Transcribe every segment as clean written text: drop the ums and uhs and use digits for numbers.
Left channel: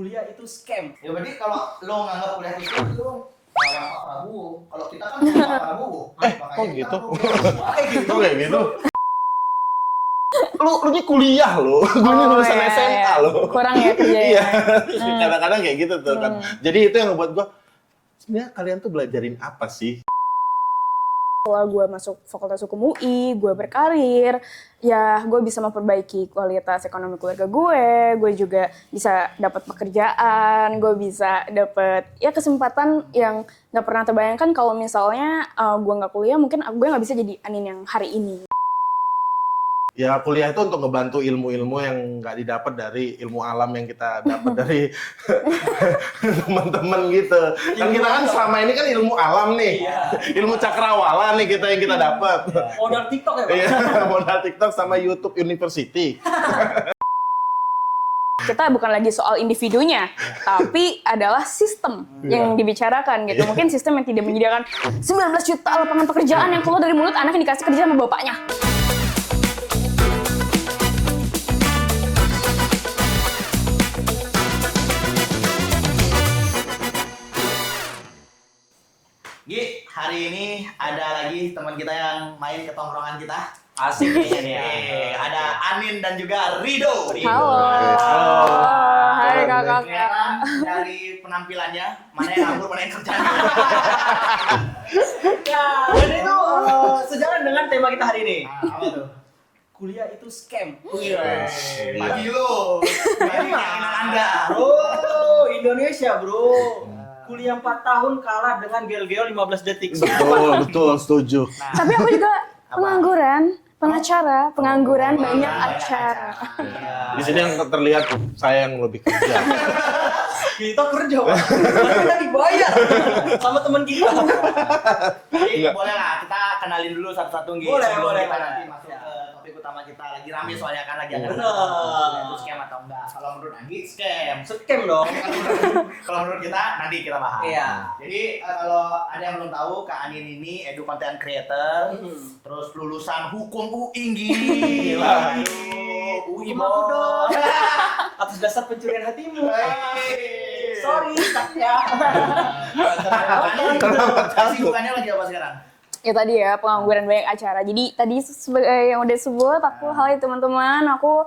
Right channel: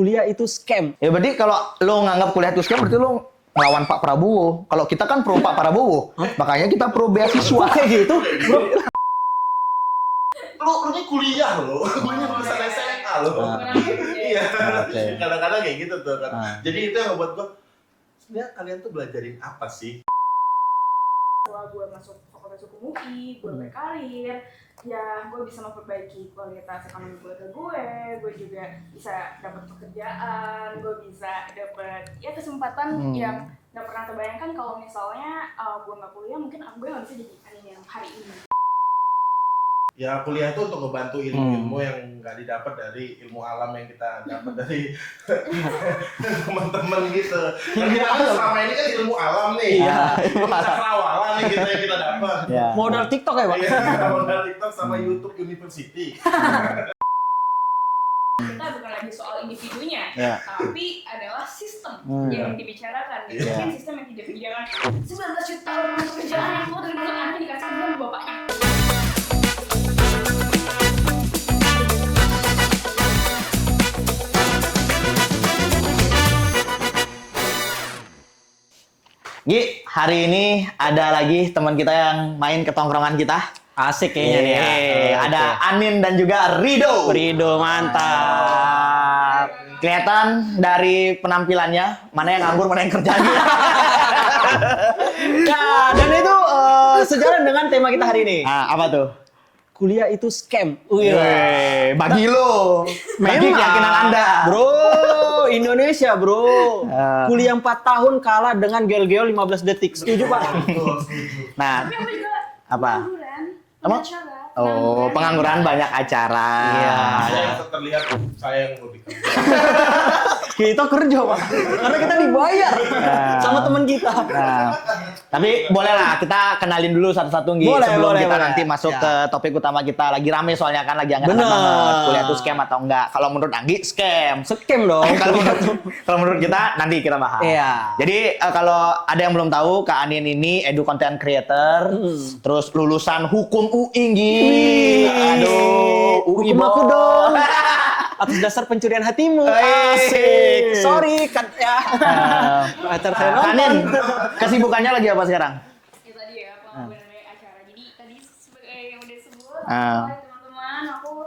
kuliah itu scam. Ya berarti kalau lo nganggap kuliah itu scam, berarti lo melawan Pak Prabowo. Kalau kita kan pro Pak Prabowo, makanya kita pro beasiswa gitu. Lu ini kuliah lo, gue ini lulusan SMA lo. Kurang ya kerja. Iya, kadang-kadang kayak gitu tuh kan. Jadi itu yang ngebuat gue, sebenarnya kalian tuh belajarin apa sih? Setelah gue masuk Fakultas Hukum UI, gue berkarir, ya gue bisa memperbaiki kualitas ekonomi keluarga gue juga bisa dapat pekerjaan, gue bisa dapat ya kesempatan yang nggak pernah terbayangkan kalau misalnya gue nggak kuliah, mungkin gue nggak bisa jadi Anin yang hari ini. Ya kuliah itu untuk ngebantu ilmu-ilmu yang nggak didapat dari ilmu alam yang kita dapat dari teman-teman gitu. Dan kita kan selama ini kan ilmu alam nih, ilmu cakrawala nih yang kita dapat. Modal TikTok ya, Bang? Modal TikTok sama YouTube University. Kita bukan lagi soal individunya, tapi adalah sistem yang dibicarakan gitu. Mungkin sistem yang tidak menyediakan 19 juta lapangan pekerjaan yang keluar dari mulut anak yang dikasih kerja sama bapaknya. Gi, hari ini ada lagi teman kita yang main ke tongkrongan kita. Asik kayaknya nih ya. Ada Anin dan juga Rido. Rido, mantap. Hai kakak. Kelihatan dari penampilannya, mana yang nganggur, mana yang kerja. Nah, dan itu sejalan dengan tema kita hari ini. Apa tuh? Kuliah itu scam. Bagi lo, bagi Memang. keyakinan Anda. Bro, Indonesia bro. Kuliah 4 tahun kalah dengan gel-gel 15 detik. Betul, setuju. Nah, Tapi aku juga pengangguran, pengacara, pengangguran. pengangguran banyak acara. Iya. Di sini yang terlihat saya yang lebih kerja. Kita kerja, Bang. Tapi kita dibayar sama teman kita. Tapi boleh lah kita kenalin dulu satu-satu Gi, Boleh, sebelum boleh, kita boleh. nanti masuk Ya. ke topik utama kita. Lagi rame soalnya kan, lagi hangat Bener. banget. Kuliah itu scam atau enggak? Kalau menurut Anggi scam. Scam dong. Kalau menurut kita nanti kita bahas. Iya. Jadi kalau ada yang belum tahu, Kak Anin ini edu content creator, terus lulusan hukum UI Gi. Aduh, UI Hukum aku bos. dong. Atas dasar pencurian hatimu. Asik. Sorry, Katya. Kak Anin, kesibukannya lagi apa sekarang? Ya tadi ya, pengangguran banyak acara. Jadi tadi sebagai yang udah sebut, aku hai teman-teman, aku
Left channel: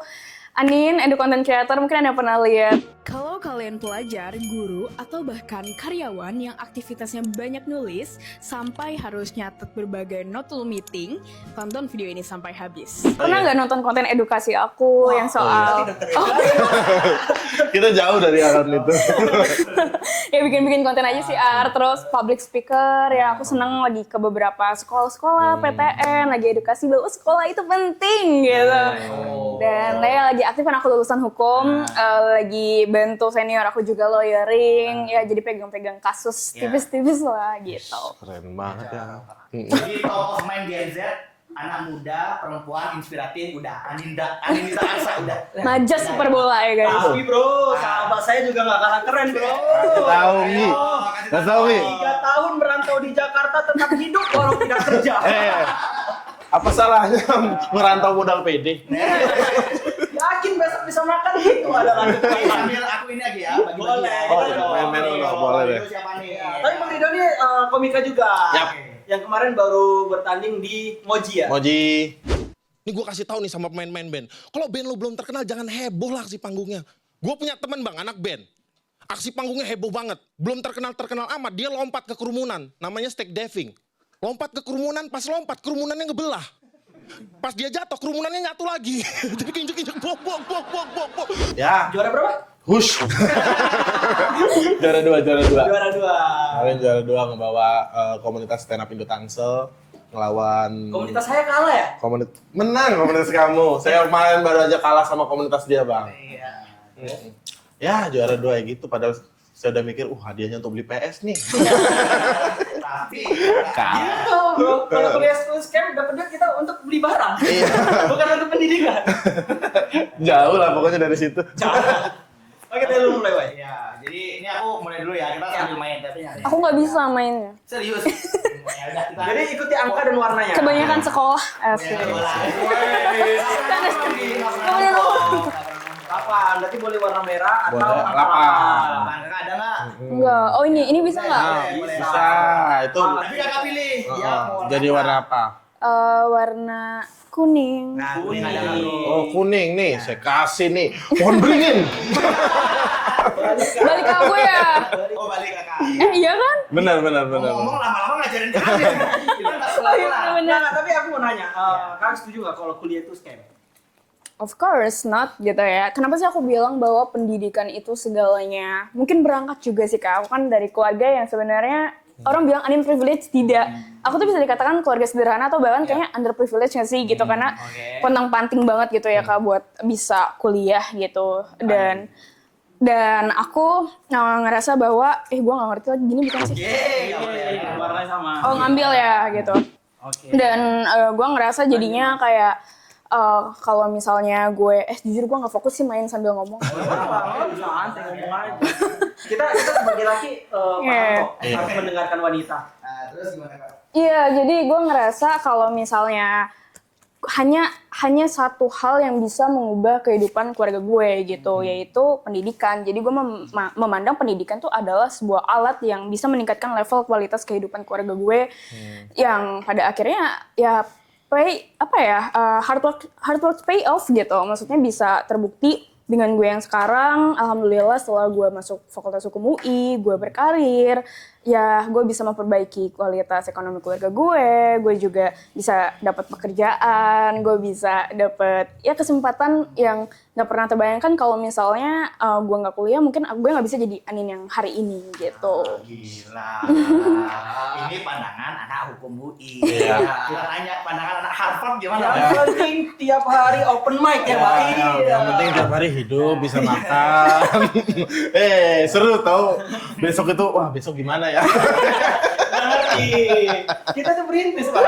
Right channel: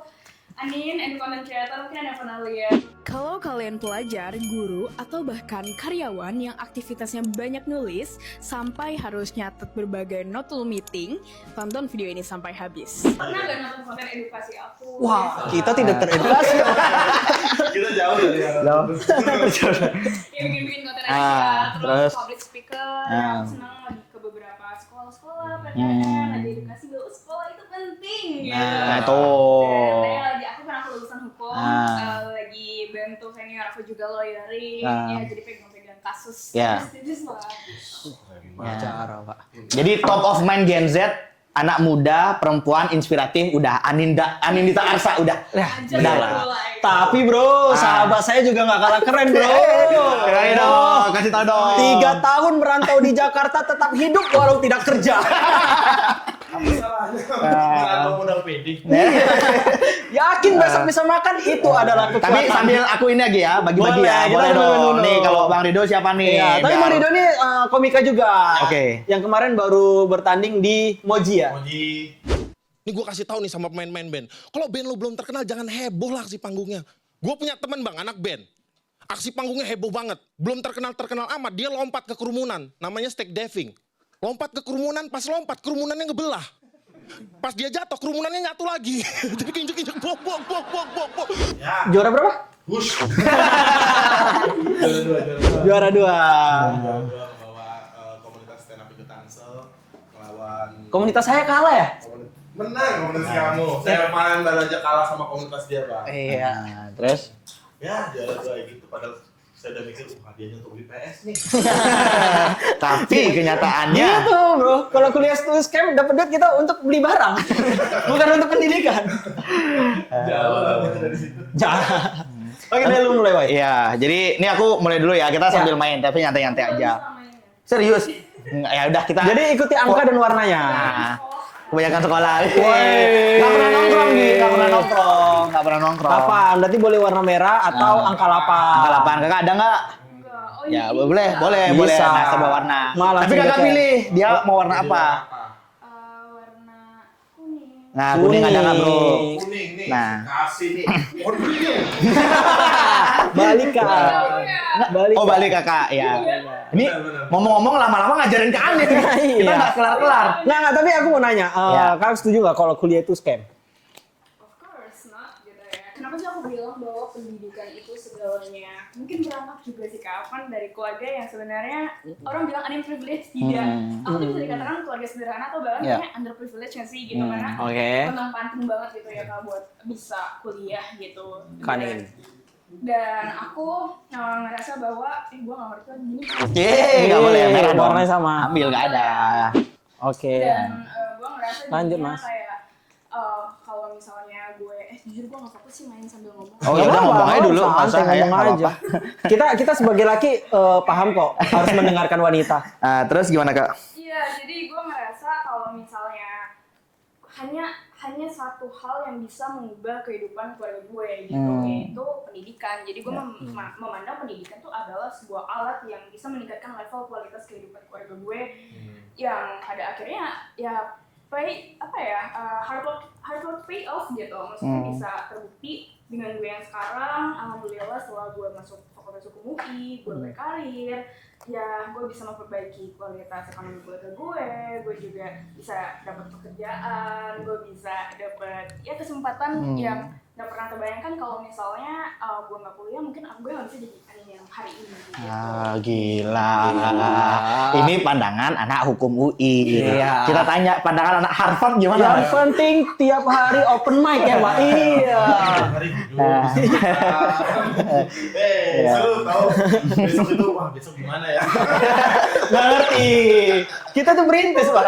Anin, edu content creator, mungkin Anda pernah lihat. Kalau kalian pelajar, guru, atau bahkan karyawan yang aktivitasnya banyak nulis, sampai harus nyatet berbagai note meeting, tonton video ini sampai habis. Pernah nggak nonton konten edukasi aku yang soal... Kita tidak teredukasi. Kita jauh dari arah itu. Ya bikin-bikin konten aja sih, terus terus? public speaker, ya aku seneng lagi ke beberapa sekolah-sekolah, PTN, lagi edukasi bahwa sekolah itu penting gitu. Tuh. Dan saya lagi aktif kan, aku lulusan hukum, lagi bantu senior aku juga lawyering, ya jadi pegang-pegang kasus Ya. tipis-tipis lah gitu. Keren banget. Jadi top of mind Gen Z, anak muda, perempuan, inspiratif, udah Anindita Arsa, udah. Ngajar super bola ya guys. Tapi bro, sahabat saya juga nggak kalah keren bro. Kasih tahu dong. 3 tahun merantau di Jakarta tetap hidup walau tidak kerja. Apa salahnya merantau modal PD? Yakin besok bisa makan, itu adalah Tapi kekuatan. sambil aku ini lagi ya, bagi-bagi Boleh, ya. kita Boleh dong. dulu. Nih kalau Bang Rido siapa nih? Iya, tapi Bang Rido ini komika juga. Oke. Yang kemarin baru bertanding di Moji ya. Moji. Ini gue kasih tahu nih sama pemain-pemain band. Kalau band lo belum terkenal, jangan heboh lah aksi panggungnya. Gue punya temen bang, anak band. Aksi panggungnya heboh banget. Belum terkenal amat, dia lompat ke kerumunan. Namanya stake diving. Lompat ke kerumunan, pas lompat kerumunannya ngebelah. Pas dia jatuh, kerumunannya nyatu lagi. Jadi kinjek-kinjek, bok. Ya, Juara berapa? hush. Juara dua. Juara 2. Kalian juara 2 ngebawa komunitas stand up Indo Tangsel ngelawan Komunitas saya kalah ya? menang komunitas kamu. Saya kemarin baru aja kalah sama komunitas dia, Bang. Iya. Terus? Ya, juara 2 ya gitu. Padahal saya udah mikir, hadiahnya untuk beli PS nih. Tapi kenyataannya Gitu bro, kalau kuliah itu scam dapat duit kita untuk beli barang, bukan untuk pendidikan. Jauh lah pokoknya dari situ. Oke, dari lu mulai, Wai. Iya, jadi ini aku mulai dulu ya. Kita sambil main, tapi Aku nyantai-nyantai nggak aja. bisa mainnya. Serius? Ya udah kita. Jadi ikuti angka dan warnanya. Kebanyakan sekolah. kebanyakan sekolah. Woi. Nggak pernah nongkrong, Gi. Nggak pernah nongkrong. Nggak pernah orang nongkrong. Kapan? Berarti boleh warna merah atau Warna angka 8. 8 kakak ada nggak? Enggak. Oh ini Ya, bisa boleh, nggak? boleh, Bisa. boleh. Nah, sama warna itu. Malah Tapi kakak jeleknya. pilih, dia mau warna Jadi apa? warna apa? Warna kuning. Nah, kuning ada nggak bro? Kuning nih, Nah. saya kasih nih. Pohon beringin. Balik Kak. Balik ke aku ya. Balik. Oh balik kakak, ya. Iya kan? Benar, benar. Ngomong-ngomong lama-lama ngajarin ke Ane. Kita nggak kelar-kelar. Nah, tapi aku mau nanya, Ya. kalian setuju nggak kalau kuliah itu scam? Of course not gitu ya. Kenapa sih aku bilang bahwa pendidikan itu segalanya? Mungkin berangkat juga sih Kak. Aku kan dari keluarga yang sebenarnya orang bilang unprivileged, tidak. Aku tuh bisa dikatakan keluarga sederhana atau bahkan kayaknya underprivileged nggak sih gitu. Karena Oke. penting banget gitu ya Kak buat bisa kuliah gitu. Dan aku ngerasa bahwa, gue nggak ngerti lagi gini bukan sih. Nggak boleh, merah dong. warnanya sama. Oh, Ambil, ngambil nggak ya ada. gitu. Oke. Dan gue ngerasa jadinya Mas. kayak kalau misalnya gue, jujur gue nggak fokus sih main sambil ngomong. Oh ya udah ngomong aja dulu, nggak usah santai, ya. ngomong nggak aja. apa-apa. Kita sebagai laki paham Iya. kok harus mendengarkan wanita. Nah, terus gimana kak? Iya, jadi gue ngerasa kalau misalnya hanya satu hal yang bisa mengubah kehidupan keluarga gue gitu, yaitu pendidikan. Jadi gue memandang pendidikan tuh adalah sebuah alat yang bisa meningkatkan level kualitas kehidupan keluarga gue, yang pada akhirnya ya hard work pay off gitu. Maksudnya bisa terbukti dengan gue yang sekarang. Alhamdulillah setelah gue masuk Fakultas Hukum UI, gue berkarir, ya gue bisa memperbaiki kualitas ekonomi keluarga gue juga bisa dapat pekerjaan, gue bisa dapat ya kesempatan yang nggak pernah terbayangkan kalau misalnya gue nggak kuliah, mungkin gue nggak bisa jadi Anin yang hari ini gitu. Ah, gila. Ini pandangan anak hukum UI. Iya. Kita tanya pandangan anak Harvard gimana? Yang penting tiap hari open mic ya, Pak. Iya. Tiap hari hidup, bisa makan. Seru tau. Besok itu, wah besok gimana ya? Nggak ngerti. Kita tuh perintis, Pak.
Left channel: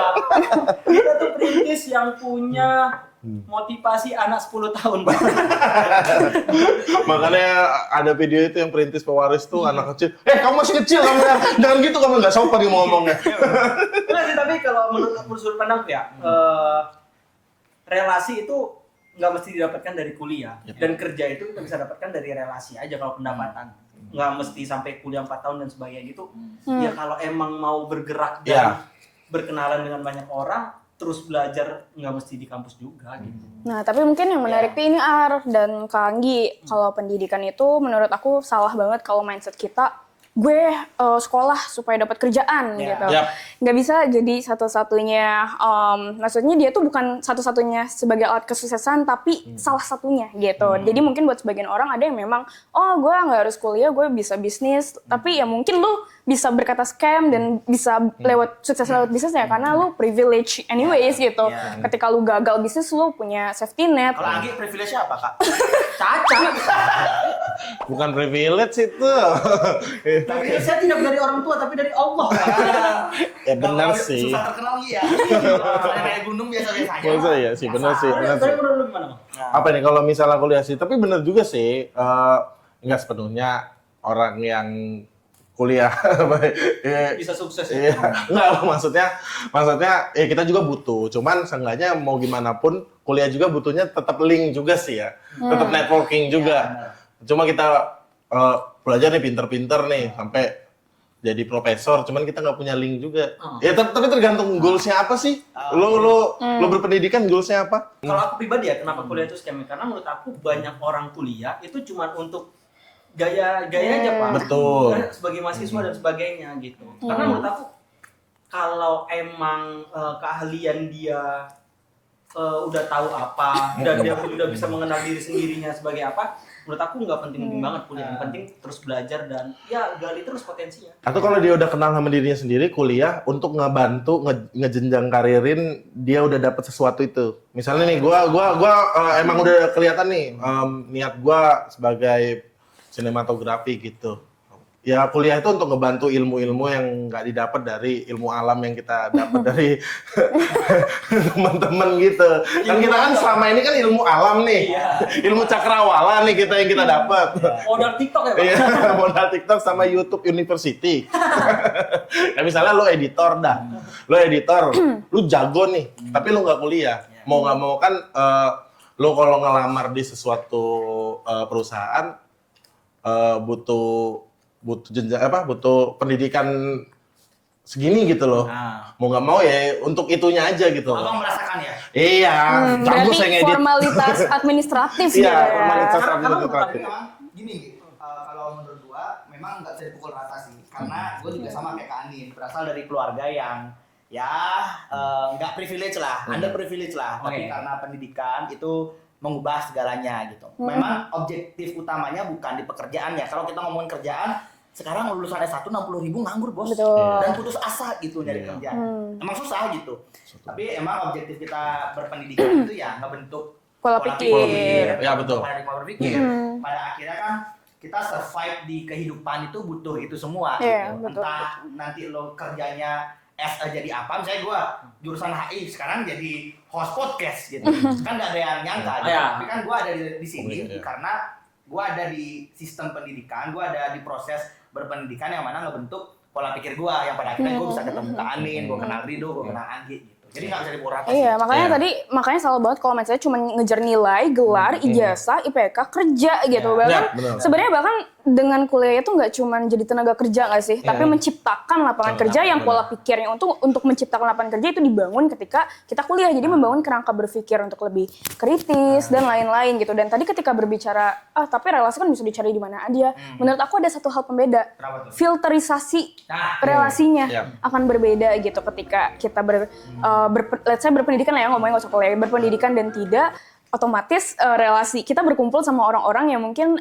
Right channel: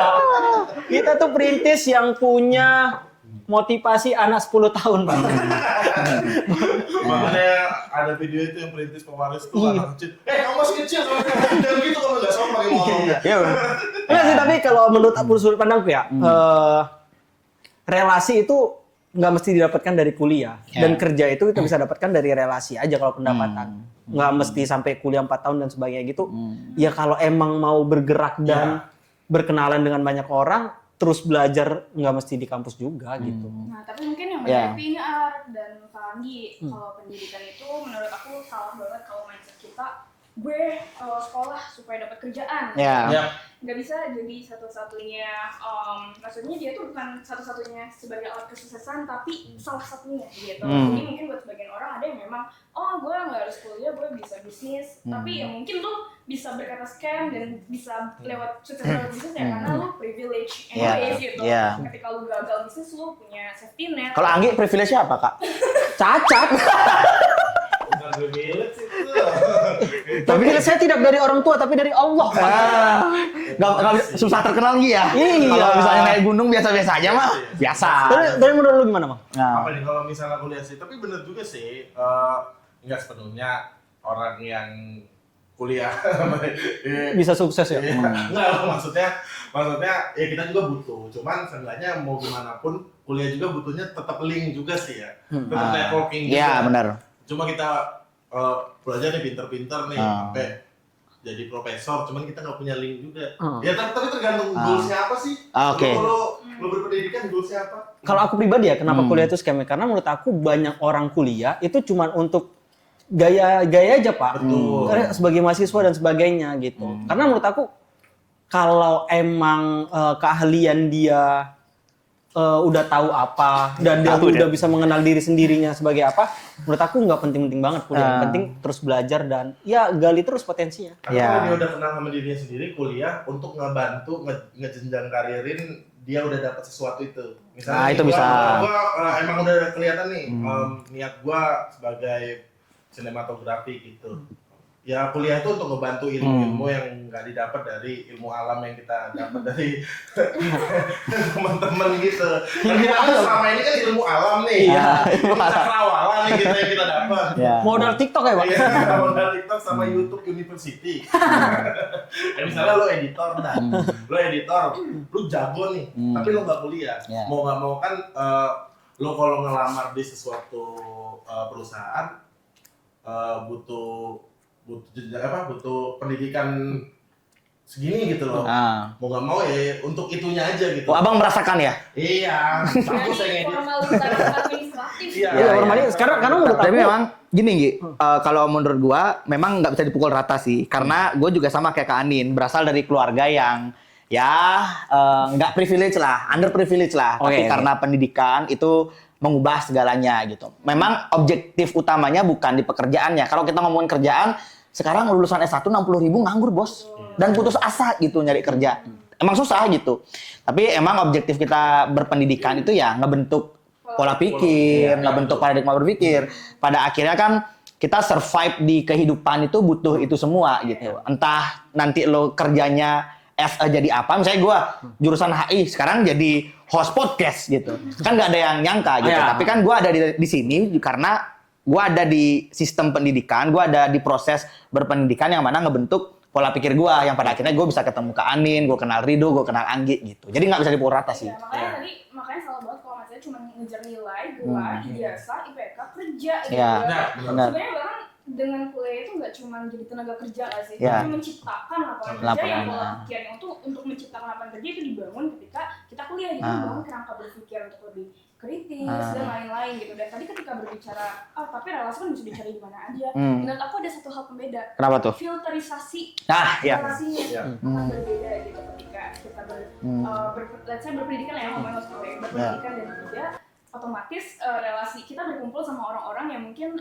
Kita tuh perintis yang punya motivasi anak 10 tahun, Pak. Makanya ada video itu yang perintis pewaris tuh anak kecil. Kamu masih kecil, kamu jangan gitu, kamu nggak sopan nih mau ngomongnya. Iya sih, tapi kalau menurut aku sudut pandangku ya, relasi itu nggak mesti didapatkan dari kuliah. Dan kerja itu kita bisa dapatkan dari relasi aja kalau pendapatan. Nggak mesti sampai kuliah 4 tahun dan sebagainya gitu. Ya kalau emang mau bergerak dan berkenalan dengan banyak orang, terus belajar nggak mesti di kampus juga gitu. Nah, tapi mungkin yang menarik ini Ar dan Kak Anggi, kalau pendidikan itu menurut aku salah banget kalau mindset kita, gue sekolah supaya dapat kerjaan gitu. Yap. Nggak bisa jadi satu-satunya, maksudnya dia tuh bukan satu-satunya sebagai alat kesuksesan, tapi salah satunya gitu. Jadi mungkin buat sebagian orang ada yang memang, gue nggak harus kuliah, gue bisa bisnis, tapi ya mungkin lu bisa berkata scam dan bisa lewat sukses lewat bisnis ya, karena lu privilege anyways gitu. Yeah. Ketika lu gagal bisnis, lu punya safety net. Kalau Anggi privilege-nya apa kak? Cacat. Bukan privilege itu. Tapi saya tidak dari orang tua, tapi dari Allah, Pak. Ya benar sih. Susah terkenal Gi ya? Iya. Kalau misalnya naik gunung biasa-biasa aja mah. Iya sih, Biasa. benar sih. Tapi menurut lu gimana, Bang? Nah, Apa nih kalau misalnya kuliah sih? Tapi benar juga sih, nggak sepenuhnya orang yang kuliah Bisa sukses ya? Enggak, maksudnya ya kita juga butuh. Cuman seenggaknya mau gimana pun kuliah juga butuhnya tetap link juga sih ya. Tetap networking Iya, juga. benar. Cuma kita belajar nih pinter-pinter nih sampai jadi profesor, cuman kita nggak punya link juga. Ya tapi tergantung goalsnya apa sih. Oke. Lu berpendidikan goalsnya apa? Kalau aku pribadi ya, kenapa kuliah itu scam? Karena menurut aku banyak orang kuliah itu cuma untuk gaya aja, Pak. Betul. Karena sebagai mahasiswa dan sebagainya gitu. Karena menurut aku kalau emang keahlian dia udah tahu apa dan dia udah bisa mengenal diri sendirinya sebagai apa, menurut aku nggak penting-penting banget kuliah. Yang penting terus belajar dan ya gali terus potensinya. Atau kalau dia udah kenal sama dirinya sendiri, kuliah untuk ngebantu ngejenjang karirin, dia udah dapet sesuatu itu. Misalnya nih, itu gua emang udah kelihatan nih niat gua sebagai sinematografi gitu. Ya kuliah itu untuk ngebantu ilmu-ilmu yang nggak didapat dari ilmu alam yang kita dapat dari teman-teman gitu. Dan kita kan selama ini kan ilmu alam nih, ilmu cakrawala nih yang kita dapat. Modal TikTok ya, Bang? Iya, modal TikTok sama YouTube University. Ya, misalnya lu editor lu jago nih, tapi lu nggak kuliah. Mau nggak mau kan lo kalau ngelamar di sesuatu perusahaan butuh jenjang butuh pendidikan segini gitu loh. Mau nggak mau ya untuk itunya aja gitu. Abang merasakan ya? Iya. Berarti Bagus saya ngedit. formalitas administratif Iya, gitu. formalitas. Karena menurut Tapi memang gini Gi, kalau menurut gua memang nggak bisa dipukul rata sih, karena gua juga sama kayak Kak Anin, berasal dari keluarga yang ya nggak privilege lah, underprivilege lah, tapi karena pendidikan itu mengubah segalanya gitu. Memang objektif utamanya bukan di pekerjaannya. Kalau kita ngomongin kerjaan, sekarang lulusan S1 60.000 nganggur bos. Betul. Dan putus asa gitu nyari kerja. Emang susah gitu. Tapi emang objektif kita berpendidikan itu ya ngebentuk pola pikir, ngebentuk paradigma berpikir. Pada akhirnya kan kita survive di kehidupan itu butuh itu semua gitu. Betul. Entah nanti lo kerjanya jadi apa, misalnya gue jurusan HI sekarang jadi host podcast gitu, kan nggak ada yang nyangka gitu. Tapi kan gue ada di sini karena gue ada di sistem pendidikan, gue ada di proses berpendidikan yang mana ngebentuk pola pikir gue, yang pada akhirnya gue bisa ketemu Kak Anin, gue kenal Rido, gue kenal Anggi gitu. Jadi nggak bisa dipukul rata sih. Iya, makanya salah banget kalau misalnya cuma ngejar nilai, gelar, ijazah, IPK, kerja gitu. Bahkan sebenarnya bahkan dengan kuliah itu nggak cuma jadi tenaga kerja nggak sih, tapi menciptakan lapangan kerja yang pola pikirnya untuk menciptakan lapangan kerja itu dibangun ketika kita kuliah. Jadi membangun kerangka berpikir untuk lebih kritis dan lain-lain gitu. Dan tadi ketika berbicara, tapi relasi kan bisa dicari di mana aja. Menurut aku ada satu hal pembeda. Kenapa tuh? Filterisasi relasinya akan berbeda gitu ketika kita let's say berpendidikan lah ya, ngomongin nggak usah kuliah, berpendidikan dan tidak. Otomatis relasi kita berkumpul sama orang-orang yang mungkin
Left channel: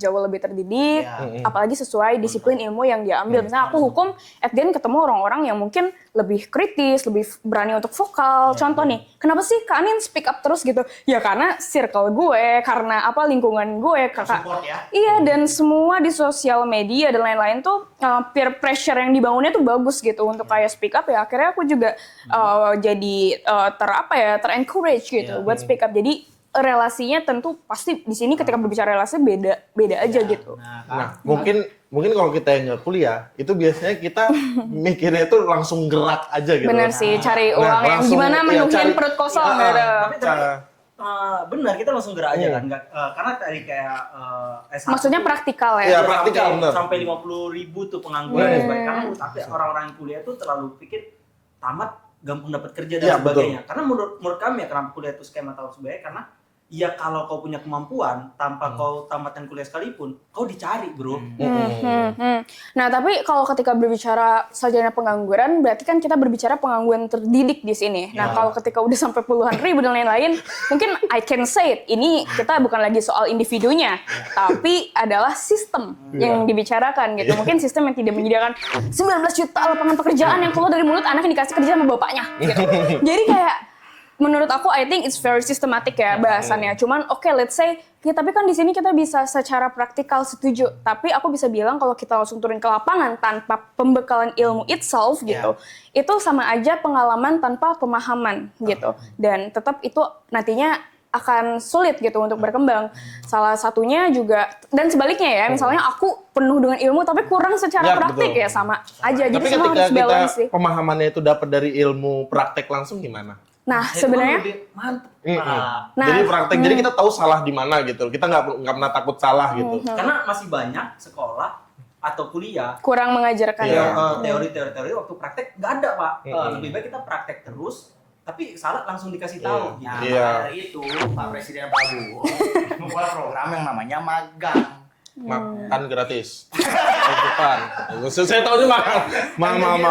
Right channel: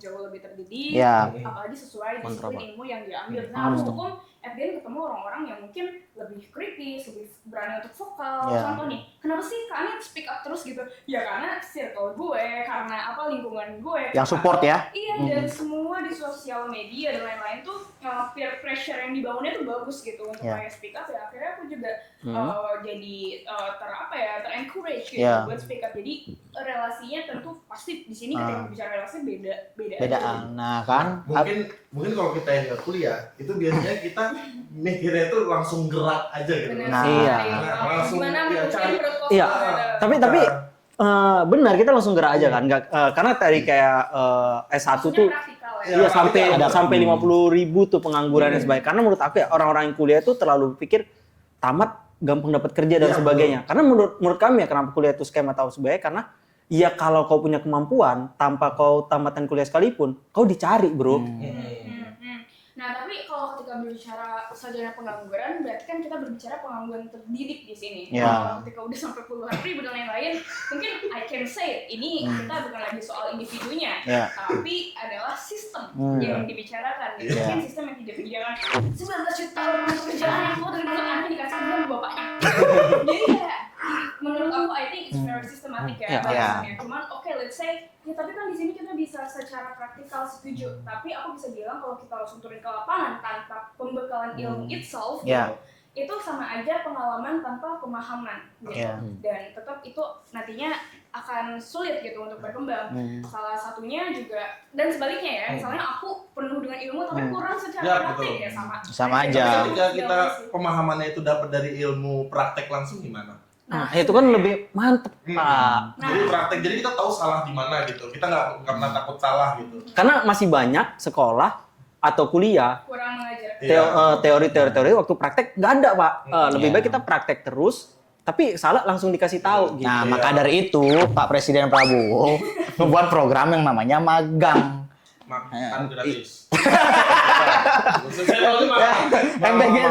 jauh lebih terdidik, apalagi sesuai disiplin ilmu yang dia ambil. Misalnya aku hukum, at the end ketemu orang-orang yang mungkin lebih kritis, lebih berani untuk vokal. Contoh nih, kenapa sih Kak Anin speak up terus gitu? Ya karena circle gue, karena lingkungan gue. Yang support ya? Iya, dan semua di sosial media dan lain-lain tuh peer pressure yang dibangunnya tuh bagus gitu untuk kayak speak up ya. Akhirnya aku juga jadi ter-encourage gitu buat speak up. Jadi relasinya tentu pasti di sini ketika berbicara relasi beda aja gitu. Nah kan, Mungkin kalau kita yang nggak kuliah, itu biasanya kita mikirnya itu langsung gerak aja gitu. Bener sih, cari uang yang gimana menuhin perut kosong. Tapi benar kita langsung gerak aja kan, karena tadi kayak S1 maksudnya tuh, praktikal ya. Iya, praktikal, sampai 50.000 tuh pengangguran dan sebagainya. Karena menurut aku ya orang-orang yang kuliah itu terlalu pikir tamat gampang dapat kerja dan sebagainya. Karena menurut kami ya kenapa kuliah itu skema atau sebagainya, karena ya kalau kau punya kemampuan tanpa kau tamatan kuliah sekalipun, kau dicari bro. Nah tapi kalau ketika berbicara sarjana pengangguran, berarti kan kita berbicara pengangguran terdidik di sini. Nah kalau ketika udah sampai puluhan ribu dan lain-lain, mungkin I can say it, ini kita bukan lagi soal individunya, tapi adalah sistem yang dibicarakan gitu. Mungkin sistem yang tidak menyediakan 19 juta lapangan pekerjaan yang keluar dari mulut anak yang dikasih kerja sama bapaknya. Jadi kayak menurut aku, I think it's very systematic ya bahasannya. Cuman let's say, ya tapi kan di sini kita bisa secara praktikal setuju. Tapi aku bisa bilang kalau kita langsung turun ke lapangan tanpa pembekalan ilmu itself gitu, itu sama aja pengalaman tanpa pemahaman gitu. Dan tetap itu nantinya akan sulit gitu untuk berkembang. Salah satunya juga, dan sebaliknya ya, misalnya aku penuh dengan ilmu tapi kurang secara praktik ya sama aja. Tapi Jadi semua ketika harus balance sih. pemahamannya itu dapat dari ilmu praktek langsung gimana? Nah, itu kan sebenarnya lebih mantep. Jadi praktek, jadi kita tahu salah di mana gitu. Kita nggak pernah takut salah gitu. Karena masih banyak sekolah atau kuliah kurang mengajarkan. Teori-teori waktu praktek nggak ada pak. Lebih baik kita praktek terus, tapi salah langsung dikasih tahu. Gitu. Nah maka dari itu Pak Presiden Prabowo membuat program yang namanya magang. Makan gratis. Saya tahu cuma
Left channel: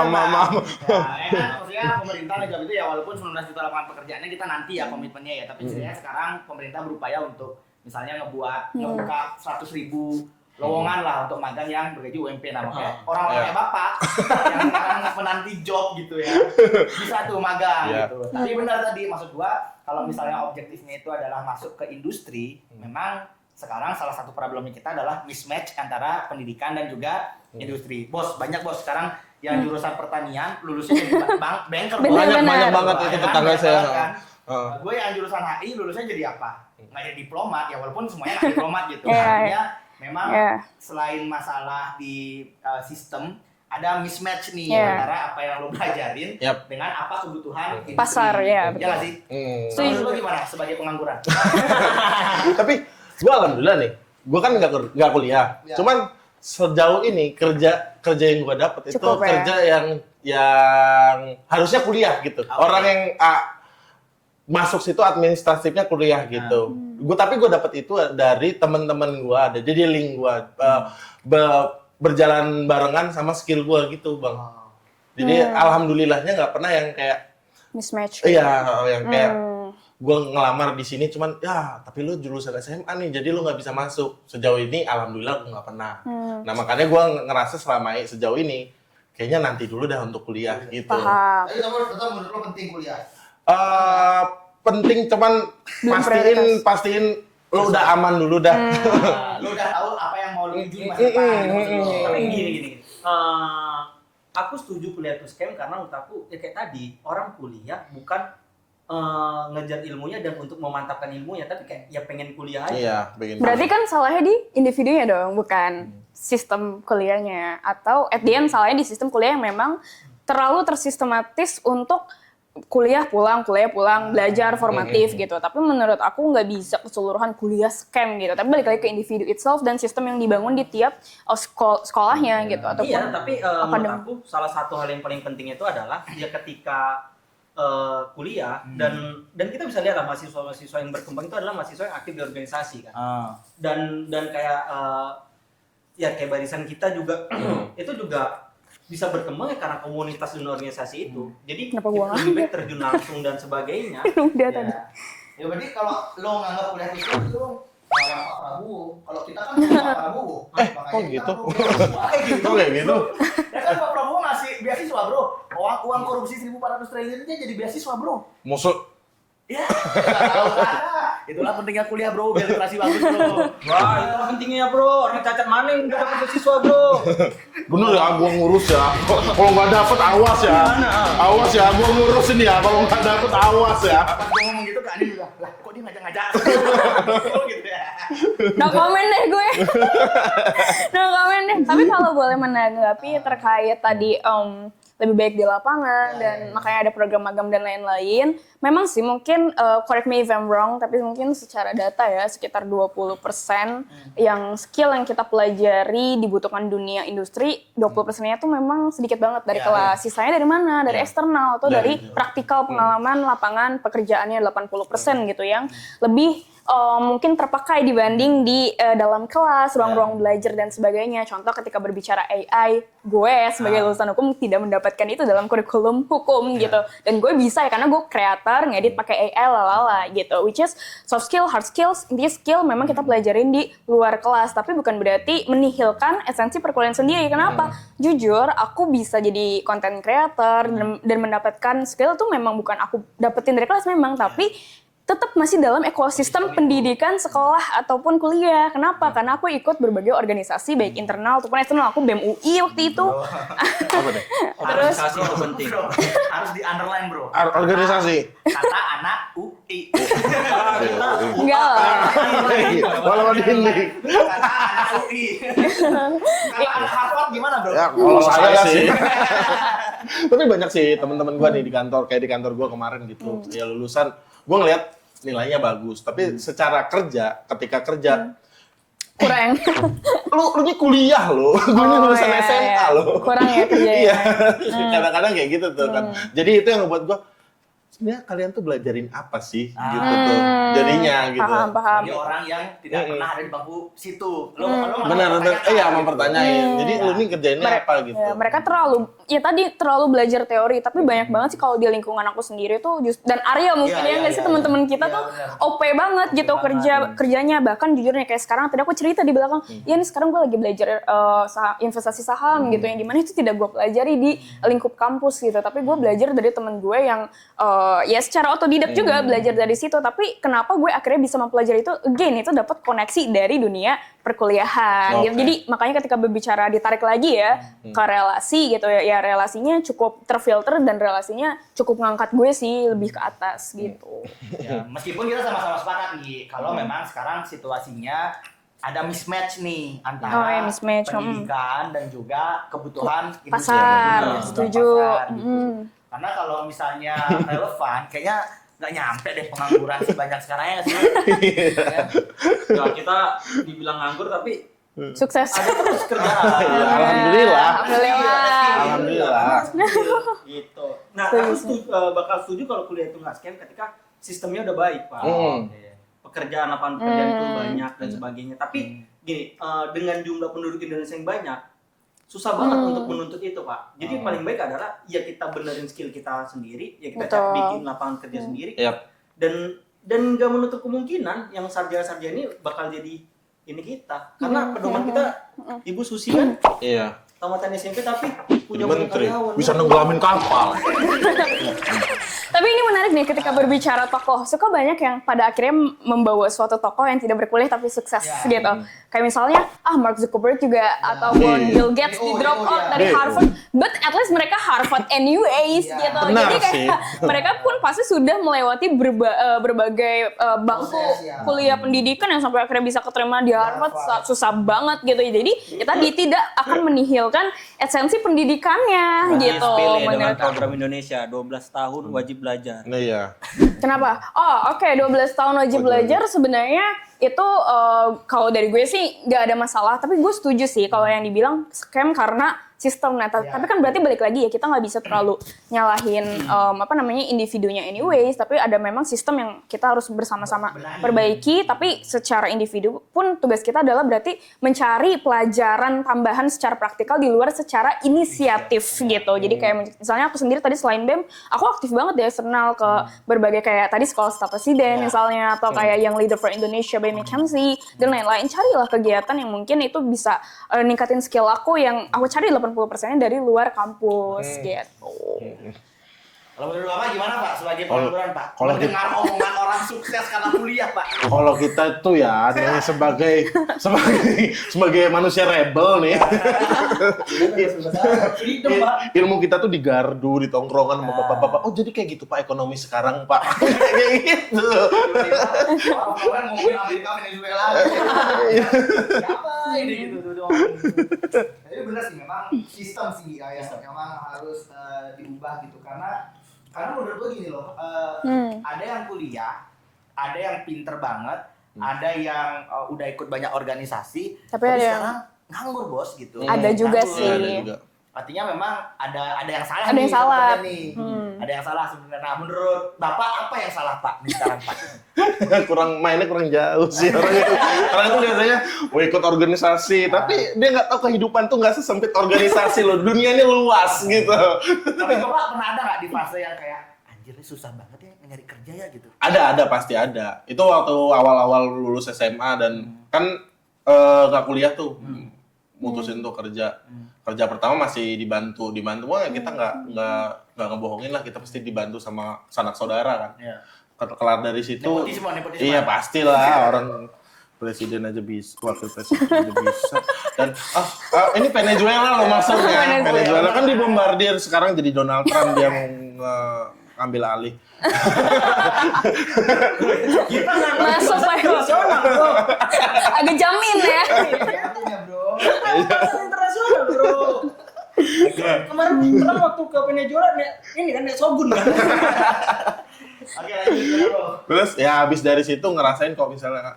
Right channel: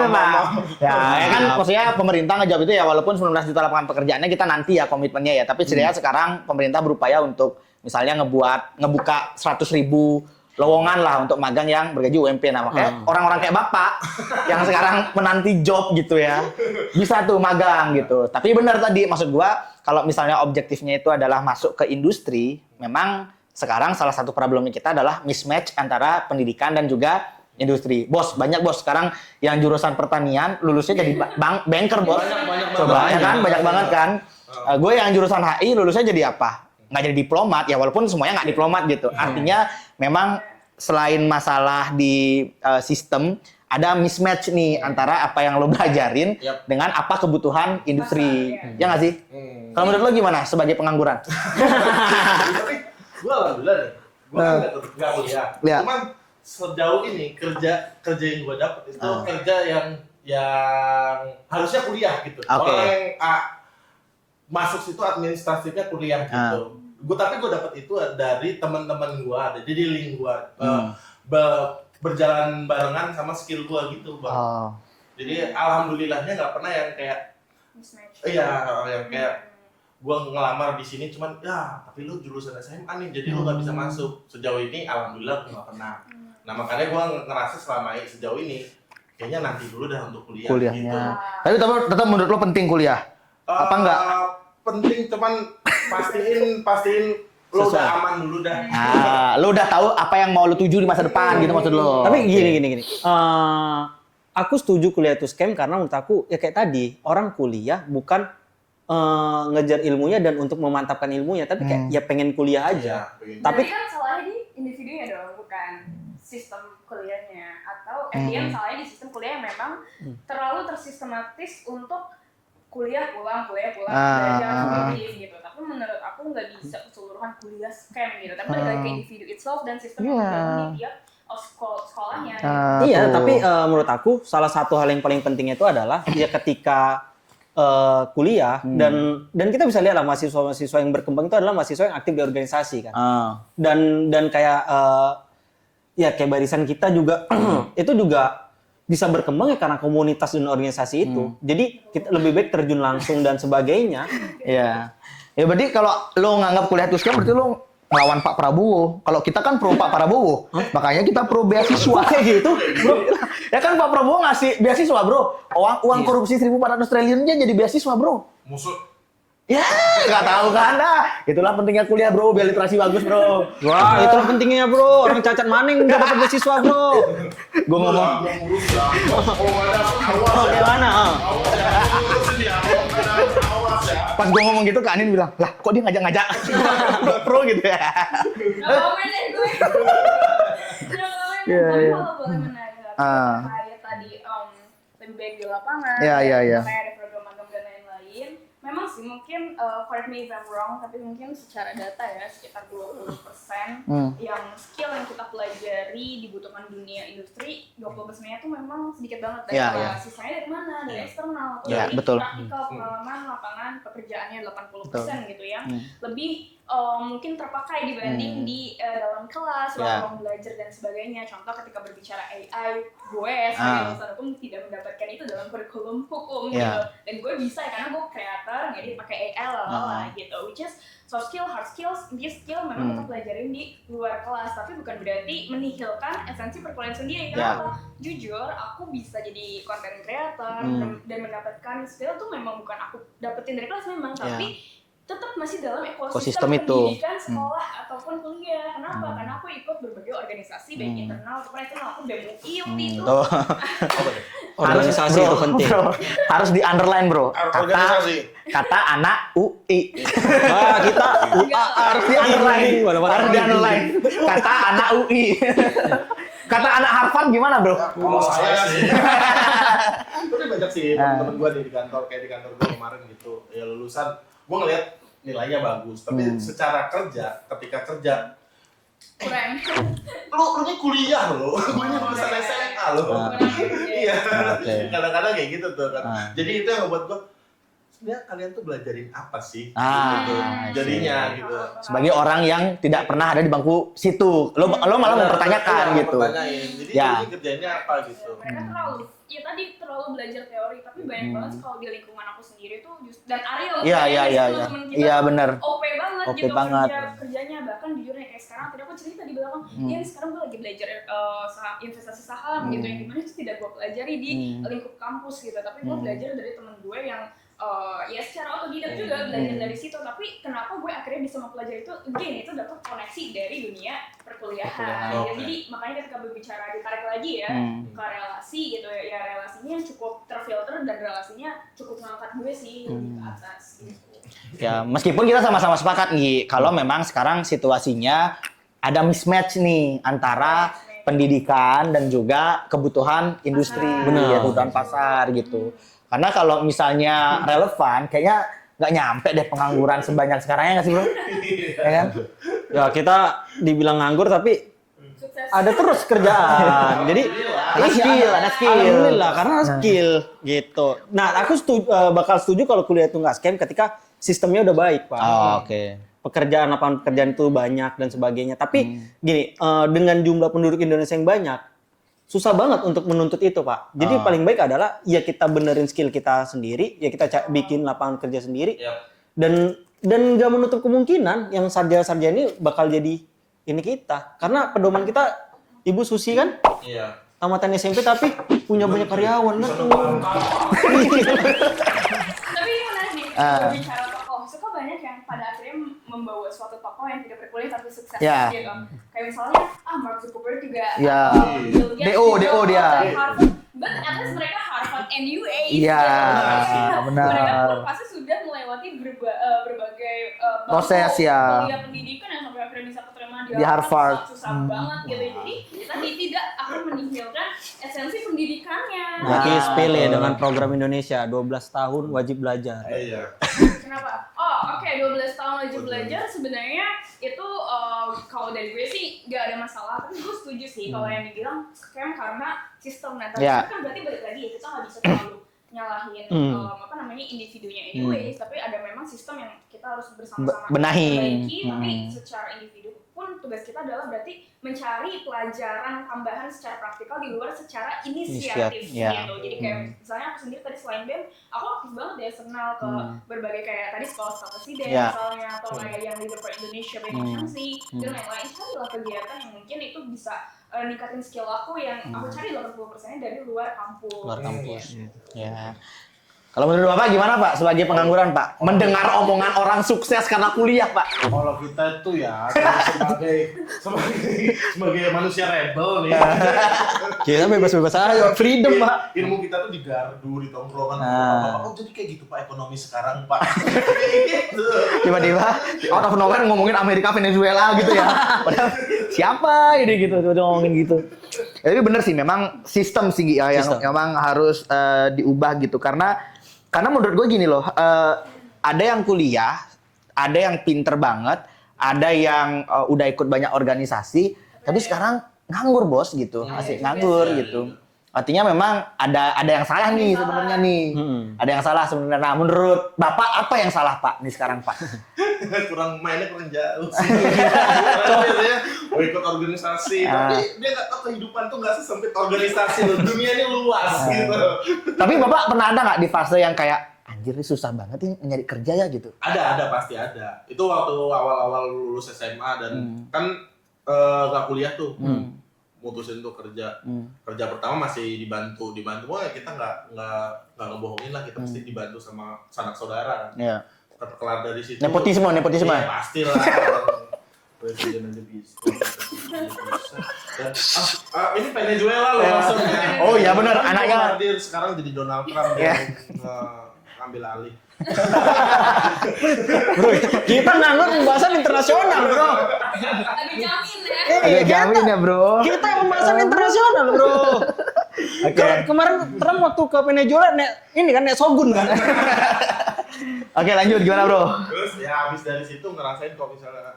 maaf. Ya kan maksudnya pemerintah ngejawab itu ya, walaupun 19 juta lapangan pekerjaannya kita nanti ya komitmennya ya, tapi setidaknya sekarang pemerintah berupaya untuk misalnya ngebuka 100.000 lowongan lah untuk magang yang bergaji UMP. Nah makanya orang-orang kayak Bapak yang sekarang menanti job gitu ya, bisa tuh magang gitu. Tapi benar tadi maksud gua, kalau misalnya objektifnya itu adalah masuk ke industri, memang sekarang salah satu problemnya kita adalah mismatch antara pendidikan dan juga industri. Bos, banyak bos sekarang yang jurusan pertanian lulusnya jadi banker. Banyak banget kan. Gue yang jurusan HI lulusnya jadi apa? Nggak jadi diplomat ya, walaupun semuanya nggak diplomat gitu. Artinya memang selain masalah di sistem, ada mismatch nih Iya. antara apa yang lo belajarin Yap. dengan apa kebutuhan industri. Pasar, ya, betul. Ya nggak sih? Kalau menurut lo gimana sebagai pengangguran? Tapi gue alhamdulillah nih, gue kan nggak kuliah. Iya. Cuman sejauh ini kerja yang gue dapet itu Cukup, ya? kerja yang harusnya kuliah gitu. Oke. Orang yang masuk situ administratifnya kuliah gitu. Tapi gue dapet itu dari teman-teman gue, ada jadi link gue berjalan barengan sama skill gue gitu bang. Oh. Jadi alhamdulillahnya nggak pernah yang kayak Mismatch. iya yang kayak gue ngelamar di sini cuman ya tapi lu jurusan SMA nih jadi lu nggak bisa masuk. Sejauh ini alhamdulillah gue nggak pernah. Nah makanya gue ngerasa selama sejauh ini kayaknya nanti dulu dah untuk kuliah. Gitu. Paham. Tapi tetap menurut lo penting kuliah? Apa enggak? Penting cuman pastiin lu udah aman dulu dah. Lo udah tahu apa yang mau lo tuju di masa depan gitu maksud lo? Tapi gini. Aku setuju kuliah itu scam karena menurut aku ya kayak tadi orang kuliah bukan ngejar ilmunya dan untuk memantapkan ilmunya, tapi kayak ya pengen kuliah aja. Iya, begini. Berarti kan salahnya di individunya dong, bukan sistem kuliahnya. Atau at the end salahnya di sistem kuliah yang memang terlalu tersistematis untuk kuliah pulang, belajar formatif gitu. Tapi menurut aku nggak bisa keseluruhan kuliah scam gitu. Tapi balik lagi ke individu itself dan sistem yang dibangun di tiap sekolahnya gitu. Iya, tapi menurut aku salah satu hal yang paling penting itu adalah ya ketika kuliah dan kita bisa lihat lah mahasiswa yang berkembang itu adalah mahasiswa yang aktif di organisasi kan. Dan kayak ya kayak barisan kita juga itu juga bisa berkembang ya karena komunitas dan organisasi itu. Jadi kita lebih baik terjun langsung dan sebagainya. Iya. Ya berarti kalau lo nganggap kuliah itu scam berarti lo melawan Pak Prabowo. Kalau kita kan pro Pak Prabowo, makanya kita pro beasiswa gitu. Ya kan Pak Prabowo ngasih beasiswa bro. Uang korupsi 1.400 triliun aja jadi beasiswa bro. Musuh. Ya nggak tahu kan dah. Itulah pentingnya kuliah bro, biar literasi bagus bro. Wah, itulah pentingnya bro. Orang cacat maning nggak dapat beasiswa bro. Gua ngurus ya. Kalau nggak dapet awas ya. Awas ya, gua ngurusin ya. Kalau nggak dapet awas ya. Pas gue ngomong gitu ke Anin bilang, lah kok dia ngajak-ngajak bro gitu ya. No komen deh gue. No komen deh. Tapi kalau boleh menanggapi terkait tadi lebih baik di lapangan, dan makanya ada program magang dan lain-lain. Memang sih mungkin, correct me if I'm wrong, tapi mungkin secara data ya sekitar 20% yang skill yang kita pelajari dibutuhkan dunia industri, 20%-nya tuh memang sedikit banget dari kelas. Sisanya dari mana? Dari eksternal atau dari praktikal pengalaman lapangan pekerjaannya 80% gitu yang lebih mungkin terpakai dibanding di dalam kelas, ruang-ruang belajar dan sebagainya. Contoh ketika berbicara AI, gue sebagai lulusan hukum tidak mendapatkan itu dalam kurikulum hukum gitu. Dan gue bisa ya karena gue kreator, ngedit pakai AI lalala gitu. Which is soft skill, hard skills, this skill memang kita pelajarin di luar kelas, tapi bukan berarti menihilkan esensi perkuliahan sendiri. Kenapa? Jujur, aku bisa jadi content creator dan mendapatkan skill tuh memang bukan aku dapetin dari kelas memang, tapi tetap masih dalam ekosistem pendidikan sekolah ataupun kuliah. Kenapa? Karena aku ikut berbagai organisasi baik internal ataupun eksternal. Aku BEM UI waktu itu. Organisasi itu penting. Bro, harus di underline bro. Organisasi. Kata anak UI. Kita Enggak lah. Harus di underline. Harus di underline. Kata anak UI. Kata anak Harvard gimana bro? Kalau saya sih. Tapi banyak sih teman-teman gua nih di kantor, kayak di kantor gua kemarin gitu. Ya lulusan, gua ngeliat nilainya bagus, tapi secara kerja, ketika kerja Kurang. lu ini kuliah lu, gue ini lulusan SMA lu. Kurang ya kerjanya. Iya. Jadi kadang-kadang kayak gitu tuh kan. Jadi itu yang ngebuat gua sebenarnya kalian tuh belajarin apa sih gitu. Jadinya gitu. Paham. Sebagai orang yang tidak pernah ada di bangku situ, lo malah mempertanyakan iya, gitu. pertanyain. Jadi lu ini kerjainnya apa gitu. Ya, mereka terlalu belajar teori, tapi banyak banget sih kalau di lingkungan aku sendiri tuh dan Arya mungkin sih teman-teman kita tuh OP banget gitu kerjanya. Bahkan jujurnya kayak sekarang tadi aku cerita di belakang, ya ini sekarang gue lagi belajar investasi saham gitu, yang dimana itu tidak gue pelajari di lingkup kampus gitu, tapi gue belajar dari temen gue yang ya secara otodidak juga belajar dari situ. Tapi kenapa gue akhirnya bisa mempelajari itu? Again, itu dapat koneksi dari dunia perkuliahan. Gitu. Jadi makanya ketika berbicara ditarik lagi ya ke relasi gitu ya relasinya cukup terfilter dan relasinya cukup ngangkat gue sih lebih ke atas gitu. Ya, meskipun kita sama-sama sepakat nih kalau memang sekarang situasinya ada mismatch nih antara mismatch, pendidikan dan juga kebutuhan industri, Pasar, kebutuhan setuju. pasar gitu. Karena kalau misalnya relevan, kayaknya nggak nyampe deh pengangguran sebanyak sekarang ya nggak sih? Bro? Ya kan? Ya kita dibilang nganggur tapi Sukses. ada terus kerjaan. Jadi Alhamdulillah, ada skill. Alhamdulillah, karena skill gitu. Nah, aku bakal setuju kalau kuliah itu nggak scam ketika sistemnya udah baik, Pak. Oke. Pekerjaan, lapangan pekerjaan itu banyak dan sebagainya. Tapi gini, dengan jumlah penduduk Indonesia yang banyak, susah banget untuk menuntut itu, Pak. Jadi paling baik adalah ya kita benerin skill kita sendiri, ya kita bikin lapangan kerja sendiri. Yap. Dan nggak menutup kemungkinan yang sarjana-sarjana ini bakal jadi ini kita. Karena pedoman kita Ibu Susi kan Iya. tamatan SMP tapi punya banyak karyawan. Bisa nenggamin kapal. Tapi ini menarik nih ketika berbicara tokoh. Suka banyak yang pada akhirnya membawa suatu tokoh yang tidak berkuliah tapi sukses Ya. gitu. Kayak misalnya Mark Zuckerberg juga Ya. ataupun Bill Gates DO di drop out dia. dari Harvard. But at least mereka Harvard anyways Ya, gitu. benar Jadi sih, kayak benar. mereka pun pasti sudah melewati berbagai bangku Proses, ya. kuliah pendidikan yang sampai akhirnya bisa keterima di Harvard. Harvard. Susah banget gitu. Jadi ya tadi tidak akan menihilkan esensi pendidikannya Jadi gitu. sepele Bener. dengan program Indonesia 12 tahun wajib belajar. Iya. Kenapa? Oh oke, 12 tahun wajib belajar sebenarnya itu kalau dari gue sih nggak ada masalah. Tapi gue setuju sih kalau yang dibilang scam karena sistem. Nah, tapi Ya. kan berarti balik lagi ya kita nggak bisa terlalu nyalahin individunya anyways. Tapi ada memang sistem yang kita harus bersama-sama Benahi. perbaiki. Tapi secara individu pun tugas kita adalah berarti mencari pelajaran tambahan secara praktikal di luar secara inisiatif Ya. gitu. Jadi kayak misalnya aku sendiri tadi selain BEM, aku aktif banget di eksternal ke berbagai kayak tadi sekolah staf presiden Ya. misalnya atau kayak yang Leader for Indonesia BEM HMC dan lain-lain. Carilah kegiatan yang mungkin itu bisa ningkatin skill aku yang aku cari 80%-nya dari luar kampus gitu. Ya. Kalau menurut Bapak gimana Pak sebagai pengangguran Pak? Mendengar omongan orang sukses karena kuliah Pak. Kalau kita itu ya sebagai manusia rebel nih. Kita bebas-bebas aja. Freedom Pak. Ilmu kita tuh digardu, di tongkrongan sama bapak-bapak. Oh jadi kayak gitu Pak ekonomi sekarang Pak. Kayak gitu. Tiba-tiba out of nowhere ngomongin Amerika Venezuela gitu ya. Siapa ini gitu tiba-tiba ngomongin gitu. Ya, tapi bener sih memang sistem sih ya yang memang harus diubah gitu karena menurut gue gini loh, ada yang kuliah, ada yang pinter banget, ada yang udah ikut banyak organisasi, Tapi tapi ada sekarang nganggur bos gitu. Ada juga Nganggur, sih. gitu. Artinya memang ada yang salah Ada nih yang salah. sebenarnya nih. Ada yang salah sebenarnya. Nah, menurut Bapak apa yang salah Pak nih sekarang Pak? mainnya kurang jauh sih. Karena biasanya mau ikut organisasi, tapi dia nggak tahu kehidupan tuh nggak sesempit organisasi loh. Dunianya luas gitu. Tapi Bapak pernah ada nggak di fase yang kayak anjir ini susah banget nih nyari kerja ya gitu? Ada pasti ada. Itu waktu awal-awal lulus SMA dan kan nggak kuliah tuh. Mutusin tuh kerja. Kerja pertama masih dibantu mah kita nggak ngebohongin lah, kita pasti dibantu sama sanak saudara kan. Iya. Kelar dari situ. Nepotisme. Iya pastilah orang presiden aja bisa, wakil presiden aja bisa. Dan ini Venezuela loh masuknya. Oh iya benar kan dibombardir, sekarang jadi Donald Trump yang ambil alih. Kita nganggur Masuk, pembahasan Pak. internasional, bro. Agak jamin ya. Iya jamin ya bro. Kita pembahasan internasional, bro. Kemarin Trump waktu ke Venezuela, ini kan Shogun kan. Oke lanjut gimana bro? Terus ya habis dari situ ngerasain kalau misalnya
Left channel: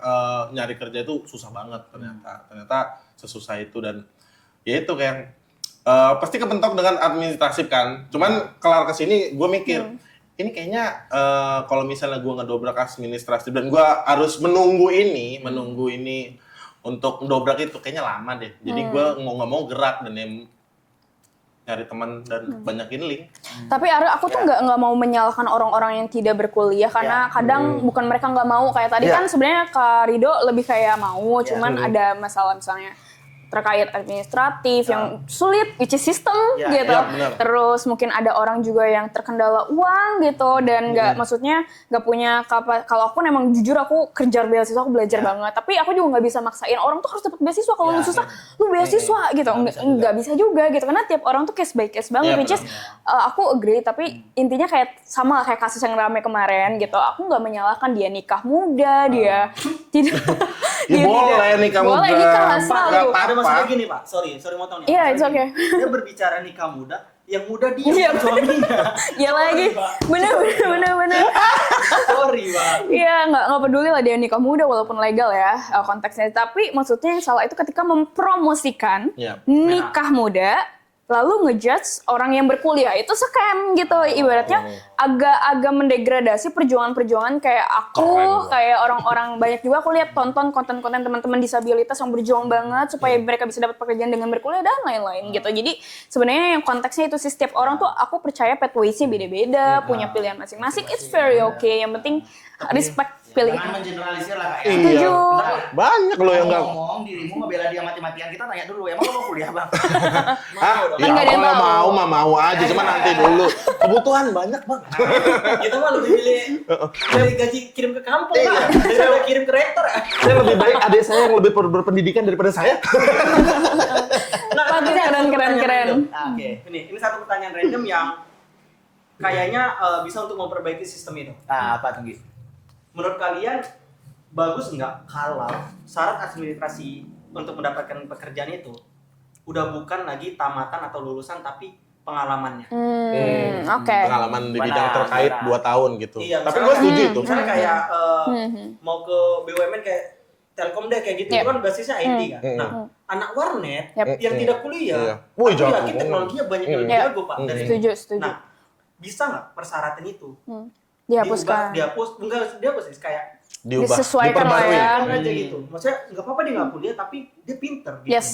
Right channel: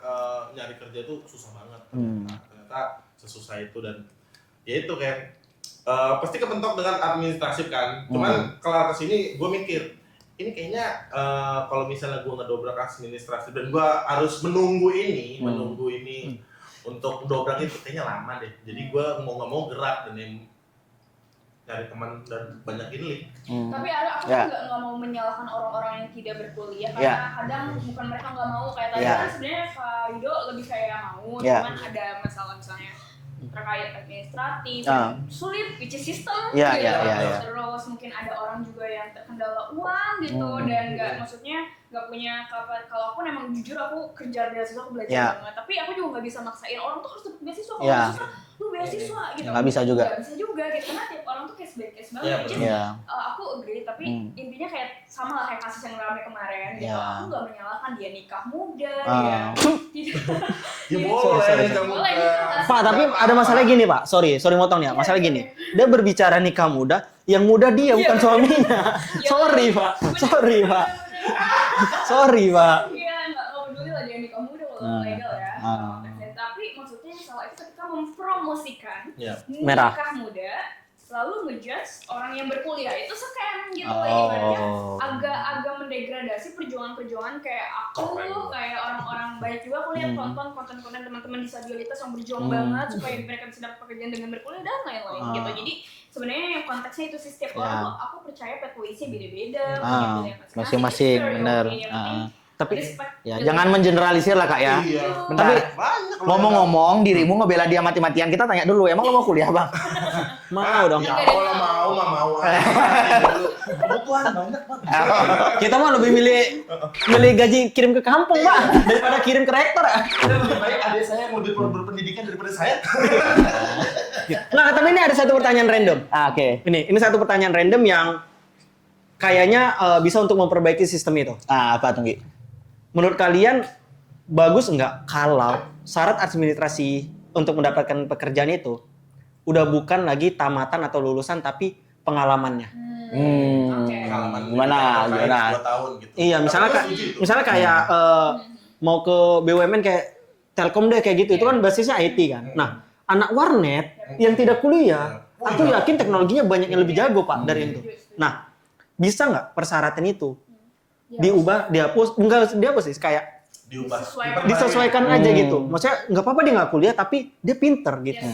nyari kerja itu susah banget ternyata sesusah itu. Dan ya itu kayak pasti kepentok dengan administratif kan. Cuman kelar kesini gue mikir ini kayaknya kalau misalnya gue ngedobrak administratif dan gue harus menunggu ini untuk mendobrak itu kayaknya lama deh. Jadi gue mau nggak mau gerak dan nyari teman dan banyakin link. Tapi aku tuh nggak mau menyalahkan orang-orang yang tidak berkuliah karena kadang bukan mereka nggak mau kayak tadi kan sebenarnya Kak Rido lebih kayak mau, cuman ada masalah misalnya terkait administratif yang sulit, which is sistem Iya, gitu. iya. Terus mungkin ada orang juga yang terkendala uang gitu dan maksudnya nggak punya kalau aku emang jujur aku kejar beasiswa, aku belajar Iya. banget. Tapi aku juga nggak bisa maksain orang tuh harus dapat beasiswa. Kalau Iya. lu susah, lu beasiswa gitu. Nggak bisa juga gitu. Karena tiap orang tuh case by case banget. Which is aku agree. Tapi intinya kayak sama lah kayak kasus yang ramai kemarin gitu. Aku nggak menyalahkan dia nikah muda, dia tidak. Ya boleh nikah muda. Boleh nikah lah. Pak, tapi ada masalah gini Pak, sorry motong ya. Iya, Masalah it's gini, okay. dia berbicara nikah muda, yang muda dia Iya, bukan suaminya. Ya Sorry lagi. Pak, Bener, sorry Pak. bener. Sorry Pak. Iya, nggak peduli lah dia nikah muda walaupun legal ya konteksnya. Tapi maksudnya yang salah itu ketika mempromosikan Iya. nikah muda, lalu ngejudge orang yang berkuliah itu scam gitu. Ibaratnya agak mendegradasi perjuangan-perjuangan kayak aku, kayak orang-orang banyak juga aku lihat tonton konten-konten teman-teman disabilitas yang berjuang banget supaya mereka bisa dapat pekerjaan dengan berkuliah dan lain-lain gitu. Jadi sebenarnya yang konteksnya itu sih setiap orang tuh aku percaya pathways-nya beda-beda, punya pilihan masing-masing. It's Masing-masing, very bener. okay. Yang penting respect Ya, pilihan. jangan mengeneralisir lah Kak ya. Setuju. Tapi Banyak loh yang nggak- ngomong-ngomong dirimu ngebela dia mati-matian, kita tanya dulu, emang lo mau kuliah Bang? Mau dong. Kan Ya nggak ada yang kalau tahu. mau aja, cuma nanti dulu. Kebutuhan banyak bang. Kita mah lebih milih gaji kirim ke kampung Pak, daripada kirim ke rektor. Saya lebih baik adik saya yang lebih berpendidikan daripada saya. Nah, tapi ini ada satu Keren, pertanyaan keren. random. Oke. Ini satu pertanyaan random yang kayaknya bisa untuk memperbaiki sistem itu. Apa tuh Gi? Menurut kalian bagus nggak kalau syarat administrasi untuk mendapatkan pekerjaan itu udah bukan lagi tamatan atau lulusan tapi pengalamannya? Oke. Pengalaman di Gimana? bidang terkait Gimana? 2 tahun gitu. Iya, Tapi misalnya gue setuju itu. Misalnya kayak mau ke BUMN kayak Telkom deh kayak gitu, itu kan basisnya IT kan. Nah, anak warnet Yap. yang tidak kuliah, Iya. Wih, aku jago. yakin teknologinya banyak yang lebih Iya. jago Pak dari Setuju, itu. setuju. Nah, bisa nggak persyaratan itu Dihapuskan. dihapus, enggak dihapus sih, kayak Diubah. Disesuaikan Diperbaiki. disesuaikan aja gitu. Maksudnya nggak apa-apa dia nggak kuliah tapi dia pinter gitu. Yes,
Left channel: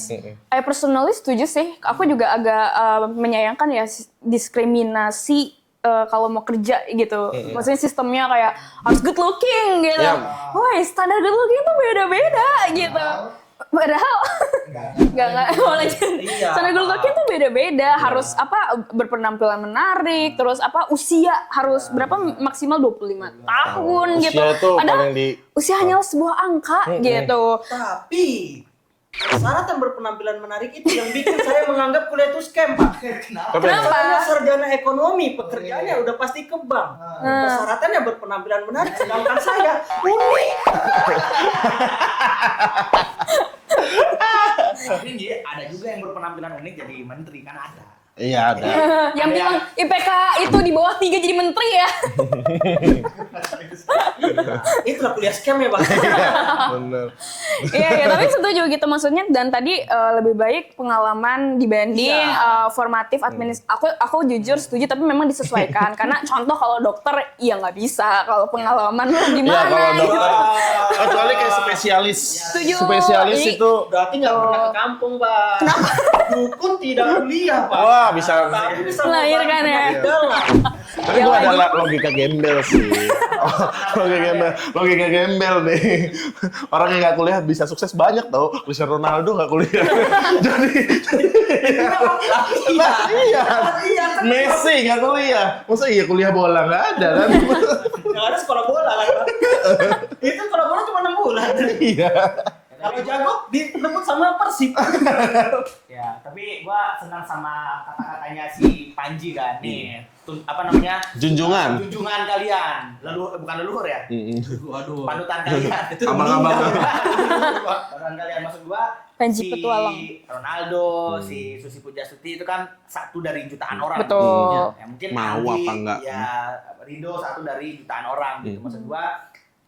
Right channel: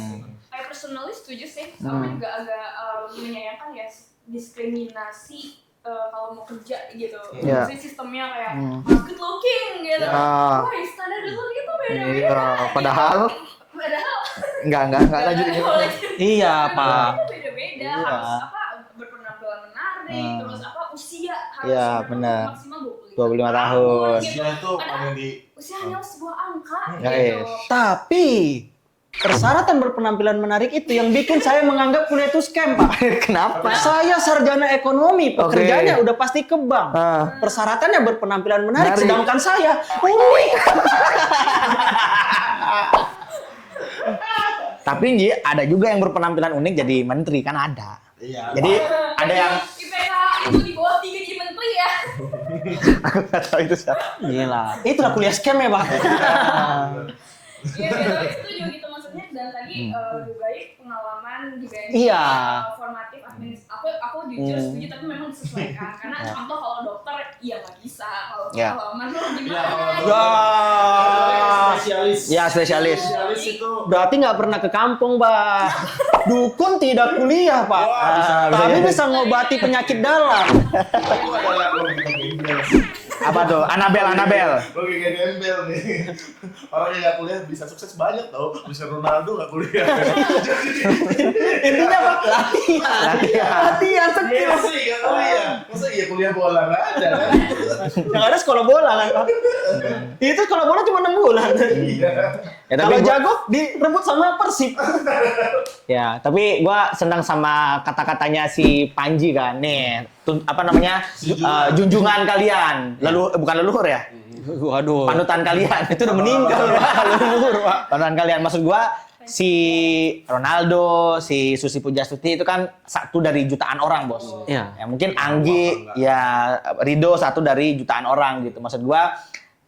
I personally setuju sih. Aku juga agak menyayangkan ya diskriminasi kalau mau kerja gitu. Maksudnya sistemnya kayak harus good looking gitu. Wah, standar good looking itu beda-beda gitu. Padahal Enggak nggak boleh. Iya, Standar good Pak. looking itu beda-beda. Harus berpenampilan menarik, terus usia harus berapa benar. maksimal 25 25 tahun gitu. Usia tuh Padahal paling di usia hanyalah sebuah angka gitu. Tapi persyaratan berpenampilan menarik itu yang bikin saya menganggap kuliah itu scam, Pak. Kenapa? Saya sarjana ekonomi, pekerjaannya udah pasti ke bank. Persyaratannya berpenampilan menarik, sedangkan saya unik. Tapi Ji, ada juga yang berpenampilan unik jadi menteri kan ada. Iya. Jadi Yang ada yang IPK itu di bawah 3 jadi menteri ya. tahu itu Gila. Itulah kuliah scam ya, Pak. bener. Iya, ya, tapi setuju gitu maksudnya dan tadi lebih baik pengalaman dibanding Iya. formatif aku jujur setuju tapi memang disesuaikan karena contoh kalau dokter ya nggak bisa kalau pengalaman lu gimana kalau gitu. dokter- Kecuali kayak spesialis. Ya, spesialis. Spesialis Iya. itu. Berarti nggak pernah ke kampung, Pak. Dukun tidak kuliah, Pak. Wah, bisa. Tapi bisa ngobati Melahirkan ya. penyakit dalam. Tapi gue ada logika gembel sih. apa tuh? Anabel. Logika gembel deh. Orang yang nggak kuliah bisa sukses banyak tau. Bisa Ronaldo nggak kuliah. Jadi Latihan. Messi nggak kuliah. Masa iya kuliah bola nggak ada kan? Yang ada sekolah bola kan, Pak. Itu sekolah bola cuma 6 bulan. Iya. Ya, tapi Kalau jago direbut sama Persib. Ya, tapi gua senang sama kata-katanya si Panji kan. Nih, apa namanya? Junjungan. Junjungan kalian. Bukan leluhur ya? Waduh. Panutan kalian. Itu udah meninggal. Panutan kalian. Maksud gua Panji si petualang. Ronaldo, si Susi Pujastuti itu kan satu dari jutaan orang. Betul. Iya. Ya, mungkin Mau apa Anggi, enggak? ya Rido satu dari jutaan orang gitu. Maksud gua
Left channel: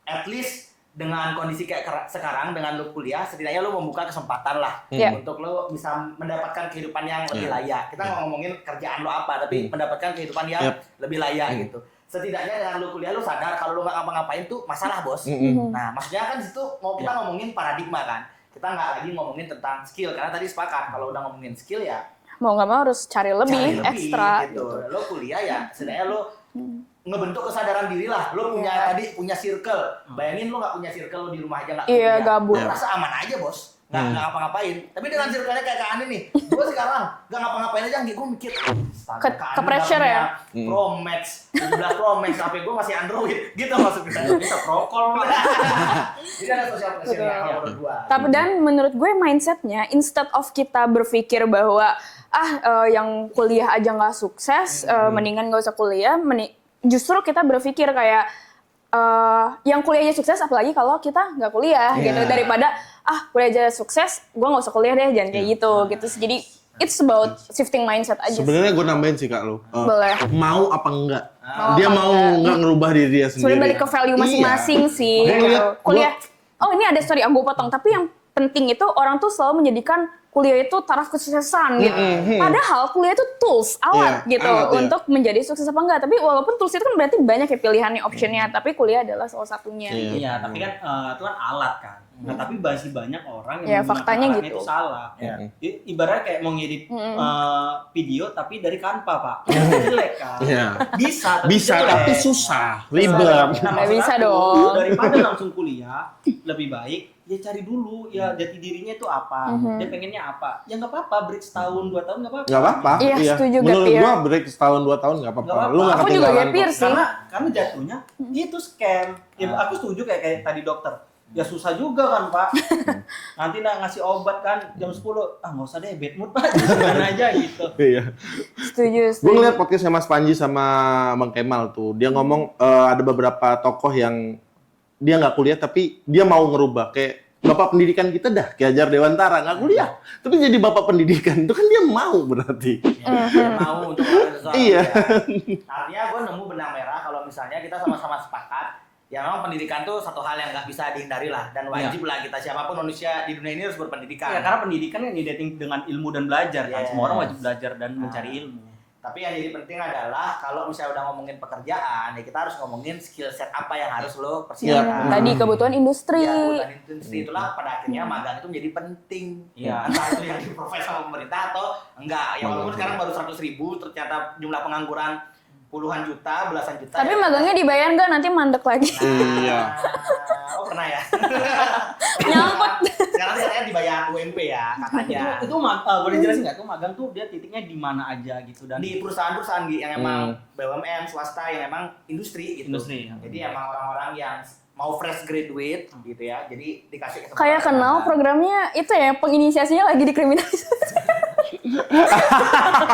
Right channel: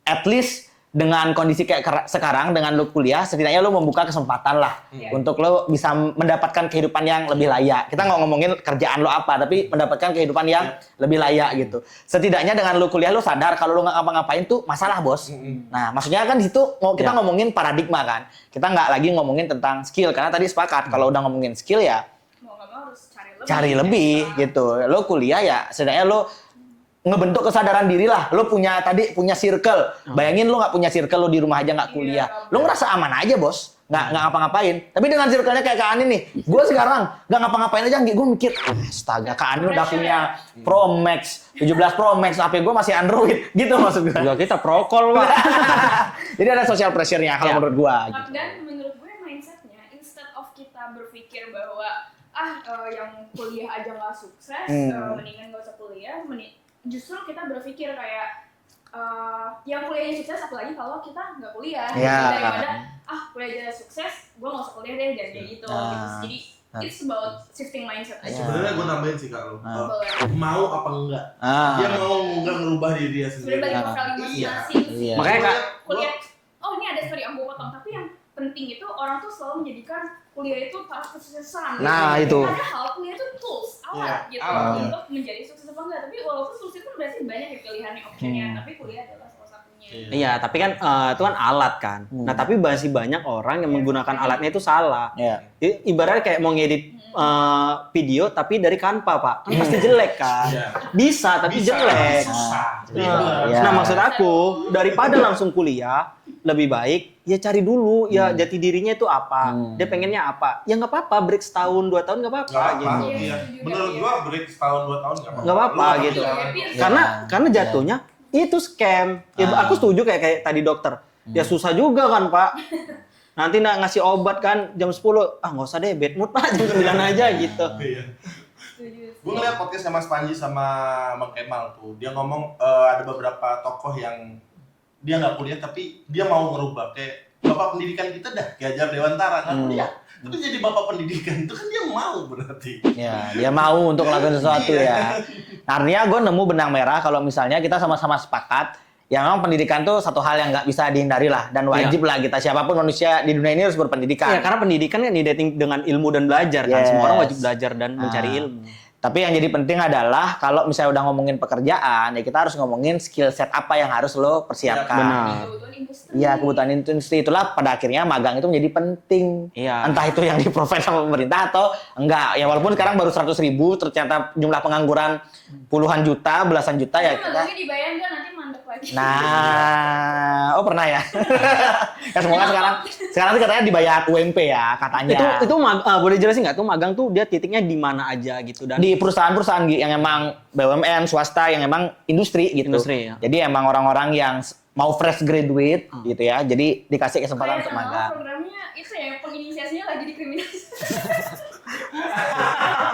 at least dengan kondisi kayak sekarang dengan lu kuliah setidaknya lu membuka kesempatan lah Iya. untuk lu bisa mendapatkan kehidupan yang lebih layak. Kita nggak ngomongin kerjaan lu apa, tapi mendapatkan kehidupan yang lebih layak gitu. Setidaknya dengan lu kuliah lu sadar kalau lu nggak ngapa-ngapain tuh masalah, Bos. Nah, maksudnya kan di situ kita ngomongin paradigma kan. Kita nggak lagi ngomongin tentang skill karena tadi sepakat kalau udah ngomongin skill ya Mau nggak mau harus cari lebih ekstra. gitu. Lo kuliah ya, setidaknya lo ngebentuk kesadaran diri lah. Lo punya circle. Bayangin lo nggak punya circle, lo di rumah aja nggak Iya, kuliah. gabut. Lo merasa aman aja, Bos. nggak ngapa-ngapain. Tapi dengan circle-nya kayak Kak Anin nih, gue sekarang nggak ngapa-ngapain aja, gue mikir, astaga Kak Anin udah pressure punya ya? Pro Max, 17 Pro Max, HP gue masih Android, gitu maksud gue. Yo, kita prokol, Pak. Jadi ada social pressure-nya kalau menurut gue. Tapi dan menurut gue mindsetnya, instead of kita berpikir bahwa yang kuliah aja nggak sukses, mendingan nggak usah kuliah, justru kita berpikir kayak yang kuliahnya sukses, apalagi kalau kita nggak kuliah, gitu. Daripada kuliah aja sukses, gue nggak usah kuliah deh, jangan kayak gitu. Jadi it's about shifting mindset aja. Sebenarnya gue nambahin sih Kak lo. Boleh. Mau apa enggak? Dia mau enggak ngerubah diri dia sendiri. Sudah balik ke value masing-masing sih. Makanya Kuliah. Oh ini ada story, aku potong. Tapi yang penting itu orang tuh selalu menjadikan kuliah itu taraf kesuksesan gitu. Nah, itu. Padahal kuliah itu tools, alat Iya, gitu alat, untuk menjadi sukses apa enggak. Tapi walaupun tools itu kan berarti banyak ya pilihannya, optionnya. Tapi kuliah adalah salah satunya. Iya, tapi kan itu kan alat kan. Nah, tapi masih banyak orang yang Ya, menggunakan faktanya alatnya gitu. itu salah. Iya. Ibaratnya kayak mau ngedit video tapi dari Canva, Pak. Pasti jelek kan. Iya. Bisa, tapi Bisa, jelek. tapi susah, ribet. Iya. Nah, maksud Bisa aku dong. daripada langsung kuliah, lebih baik ya cari dulu ya jati dirinya itu apa. Dia pengennya apa. Ya nggak apa-apa, break setahun, 2 tahun nggak apa-apa. Nggak apa-apa. Iya, setuju, Menurut Gap, gua break setahun 2 tahun nggak apa-apa. Nggak apa-apa. Lu nggak Aku juga kehilangan gap year kok. sih. Karena jatuhnya itu scam. Ya, aku setuju kayak tadi dokter. Ya susah juga kan Pak. Nanti ngasih obat kan jam 10. Nggak usah deh, bad mood Pak. Jam 9 aja gitu. Iya. Setuju. Gue ngeliat podcastnya Mas Panji sama Bang Kemal tuh. Dia ngomong ada beberapa tokoh yang dia nggak kuliah tapi dia mau ngerubah. Kayak bapak pendidikan kita dah, Ki Hajar Dewantara nggak kuliah. Tapi jadi bapak pendidikan itu kan dia mau berarti. Ya, dia mau untuk melakukan sesuatu Iya. ya. Artinya gue nemu benang merah kalau misalnya kita sama-sama sepakat, ya memang pendidikan tuh satu hal yang nggak bisa dihindari lah dan wajib lah kita siapapun manusia di dunia ini harus berpendidikan. Ya, karena pendidikan kan identik dengan ilmu dan belajar kan. Yes. Semua orang wajib belajar dan mencari ilmu. Tapi yang jadi penting adalah kalau misalnya udah ngomongin pekerjaan, ya kita harus ngomongin skill set apa yang harus lo persiapkan. Tadi kebutuhan industri. Ya, kebutuhan industri itulah pada akhirnya magang itu menjadi penting. Iya. Entah itu yang di-provide sama pemerintah atau enggak. Ya walaupun sekarang baru 100.000, ternyata jumlah pengangguran puluhan juta, belasan juta Tapi ya. magangnya dibayar nggak, nanti mandek lagi. Nah, oh pernah ya? sekarang tuh katanya dibayar UMP ya katanya. Itu boleh jelasin nggak? Itu magang tuh dia titiknya di mana aja gitu dan Di perusahaan-perusahaan yang emang BUMN, swasta, yang emang industri gitu. Industri, ya. Jadi emang orang-orang yang mau fresh graduate gitu ya. Jadi dikasih kesempatan. Kayak untuk kenal magang. programnya itu ya, penginisiasinya lagi dikriminalisasi.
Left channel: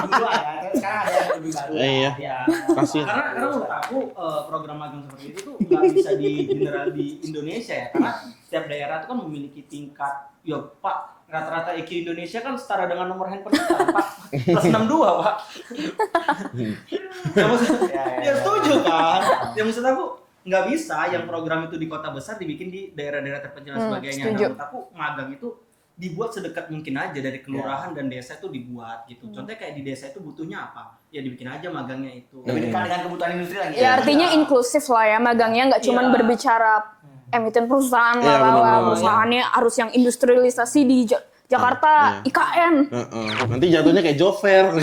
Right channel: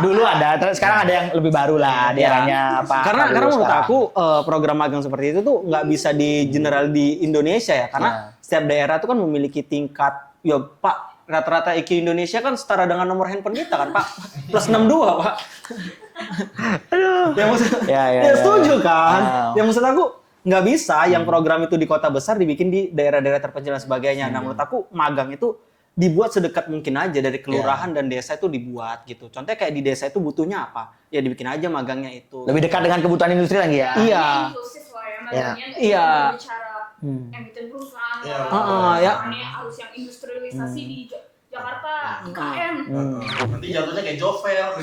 Dulu ada, terus sekarang ada yang lebih baru lah. Dia hanya apa? karena menurut sekarang. aku program magang seperti itu tuh nggak bisa di general di Indonesia ya karena setiap daerah tuh kan memiliki tingkat ya Pak rata-rata IQ Indonesia kan setara dengan nomor handphone kita kan, Pak plus 62 Pak. Yang maksud, Ya, setuju kan? Ya. Yang maksud aku nggak bisa yang program itu di kota besar dibikin di daerah-daerah terpencil dan sebagainya. Nah, setuju. menurut aku magang itu dibuat sedekat mungkin aja dari kelurahan dan desa itu dibuat gitu. Contohnya kayak di desa itu butuhnya apa? Ya dibikin aja magangnya itu. Lebih dekat dengan kebutuhan industri lagi Ya, ya. artinya Iya. inklusif lah ya, magangnya nggak cuma Iya. berbicara emiten perusahaan Iya, lah, benar. perusahaannya harus yang industrialisasi di Jakarta, IKN. Nanti jatuhnya kayak Jover.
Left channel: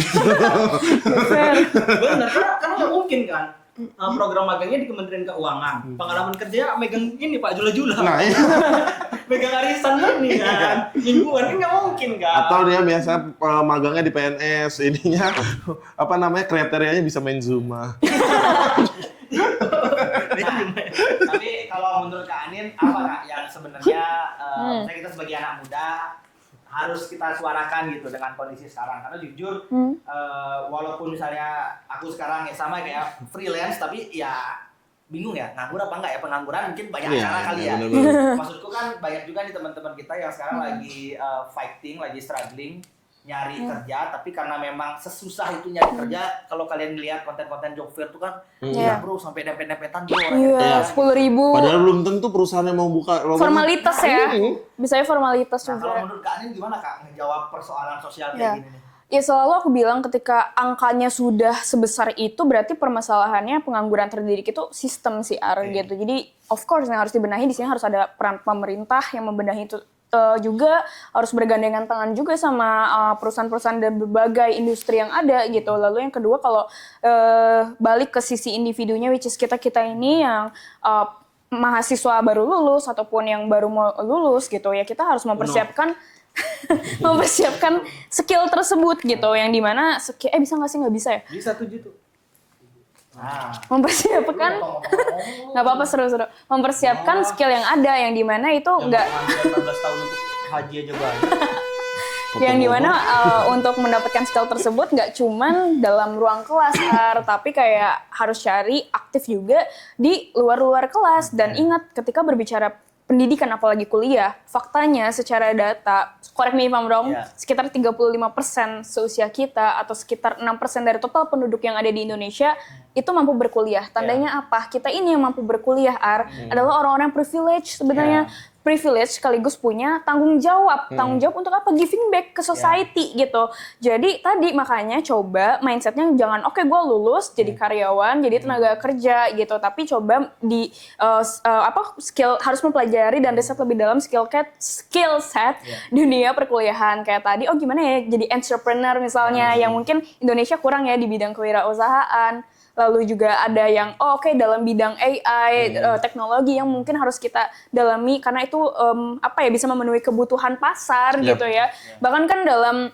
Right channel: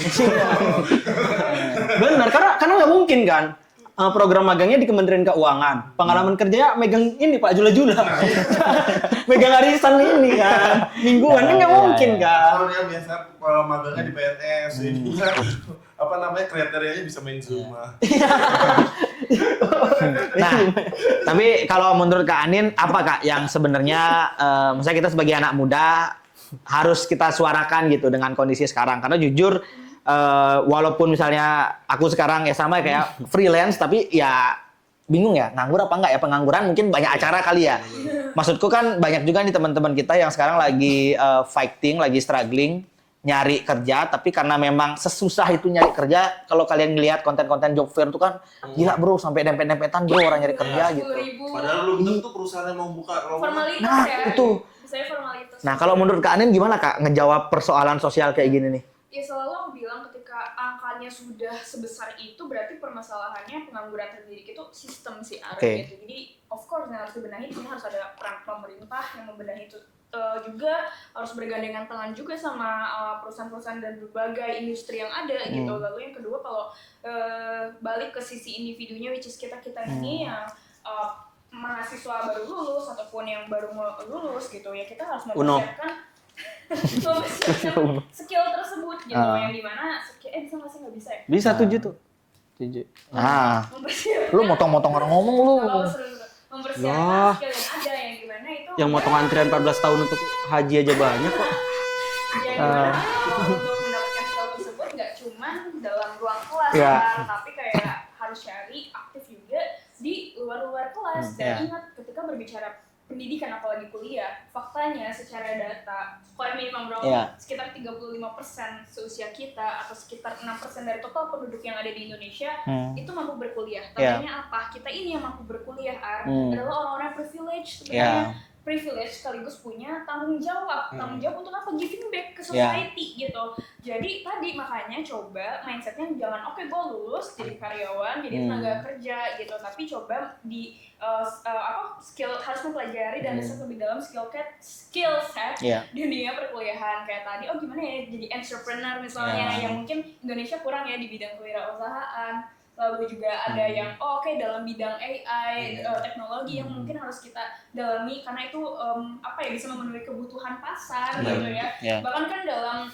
Benar, karena nggak mungkin kan program magangnya di Kementerian Keuangan. Pengalaman kerjanya megang ini Pak Jula-Jula. Nah, iya. Megang arisan ini kan. Mingguan kan nggak mungkin kan. Atau dia biasa magangnya di PNS, ininya apa namanya kriterianya bisa main Zuma. Nah, tapi kalau menurut Kak Anin, apa Kak yang sebenarnya misalnya kita sebagai anak muda harus kita suarakan gitu dengan kondisi sekarang? Karena jujur, walaupun misalnya aku sekarang ya sama kayak freelance, tapi ya bingung ya, nganggur apa enggak ya? Pengangguran mungkin banyak acara kali ya. Maksudku kan banyak juga nih teman-teman kita yang sekarang lagi fighting, lagi struggling, nyari kerja, tapi karena memang sesusah itu nyari kerja, kalau kalian ngelihat konten-konten job fair itu kan, gila bro, sampai dempet-dempetan bro orang nyari kerja. Iya, 10.000. Padahal belum tentu perusahaan yang mau buka lowongan. Formalitas ya. Biasanya formalitas. Nah, juga. kalau menurut Kak Anin gimana Kak ngejawab persoalan sosial kayak Ya. gini nih? Ya selalu aku bilang ketika angkanya sudah sebesar itu berarti permasalahannya pengangguran terdidik itu sistem sih Ar Oke. gitu. Jadi of course yang harus dibenahi di sini harus ada peran pemerintah yang membenahi itu juga harus bergandengan tangan juga sama perusahaan-perusahaan dan berbagai industri yang ada gitu. Lalu yang kedua kalau balik ke sisi individunya which is kita ini yang mahasiswa baru lulus ataupun yang baru mau lulus gitu ya, kita harus mempersiapkan skill tersebut gitu, yang dimana bisa nggak sih, nggak bisa ya? Bisa 7 tuh. 7. Nah, Mempersiapkan. lu motong-motong orang ngomong lu. Nggak apa-apa, seru-seru. Mempersiapkan skill yang ada, yang dimana itu Yang nggak, mau antrian 14 tahun untuk haji aja banyak. yang dimana untuk mendapatkan skill tersebut nggak cuman dalam ruang kelas, tapi kayak harus cari aktif juga di luar kelas. Dan ingat, ketika berbicara pendidikan apalagi kuliah, faktanya secara data, correct me if I'm wrong, sekitar 35% seusia kita atau sekitar 6% dari total penduduk yang ada di Indonesia itu mampu berkuliah. Tandanya apa? Kita ini yang mampu berkuliah, adalah orang-orang privilege sebenarnya. Privilege sekaligus punya tanggung jawab. Tanggung jawab untuk apa? Giving back ke society gitu. Jadi tadi makanya coba mindsetnya jangan gue lulus jadi karyawan, jadi tenaga kerja gitu. Tapi coba di skill, harus mempelajari dan riset lebih dalam skill set dunia perkuliahan. Kayak tadi, gimana ya jadi entrepreneur misalnya, yang mungkin Indonesia kurang ya di bidang kewirausahaan. Lalu juga ada yang dalam bidang AI, teknologi yang mungkin harus kita dalami karena itu bisa memenuhi kebutuhan pasar gitu ya. Bahkan kan dalam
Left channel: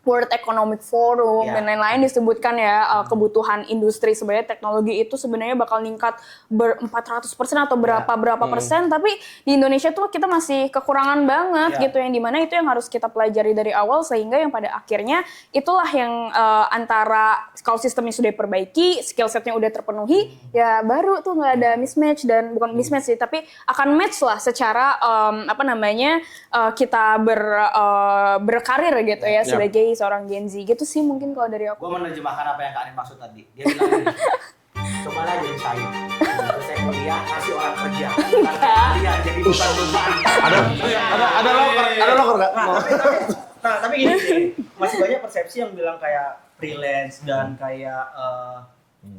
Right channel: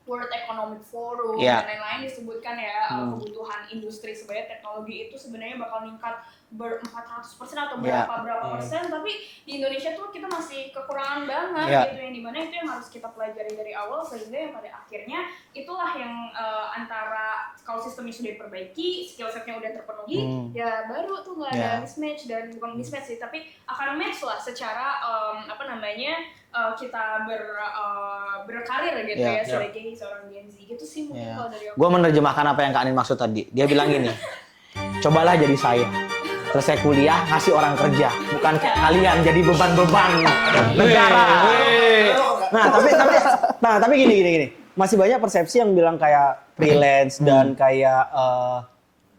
World Economic Forum dan lain-lain disebutkan ya, kebutuhan industri sebenarnya teknologi itu sebenarnya bakal ningkat 400% atau berapa persen, tapi di Indonesia tuh kita masih kekurangan banget gitu, yang dimana itu yang harus kita pelajari dari awal, sehingga yang pada akhirnya itulah yang antara kalau sistemnya sudah diperbaiki, skill setnya udah terpenuhi, ya baru tuh nggak ada mismatch, dan bukan mismatch sih, tapi akan match lah secara kita berkarir gitu ya sebagai seorang Gen Z gitu sih mungkin kalau dari aku. Gue menerjemahkan apa yang Kak Anin maksud tadi. Dia bilang gini, cobalah jadi saya. Terus saya kuliah, ngasih orang kerja. Bukan kayak kalian jadi beban-beban. Tapi gini. Masih banyak persepsi yang bilang kayak freelance dan kayak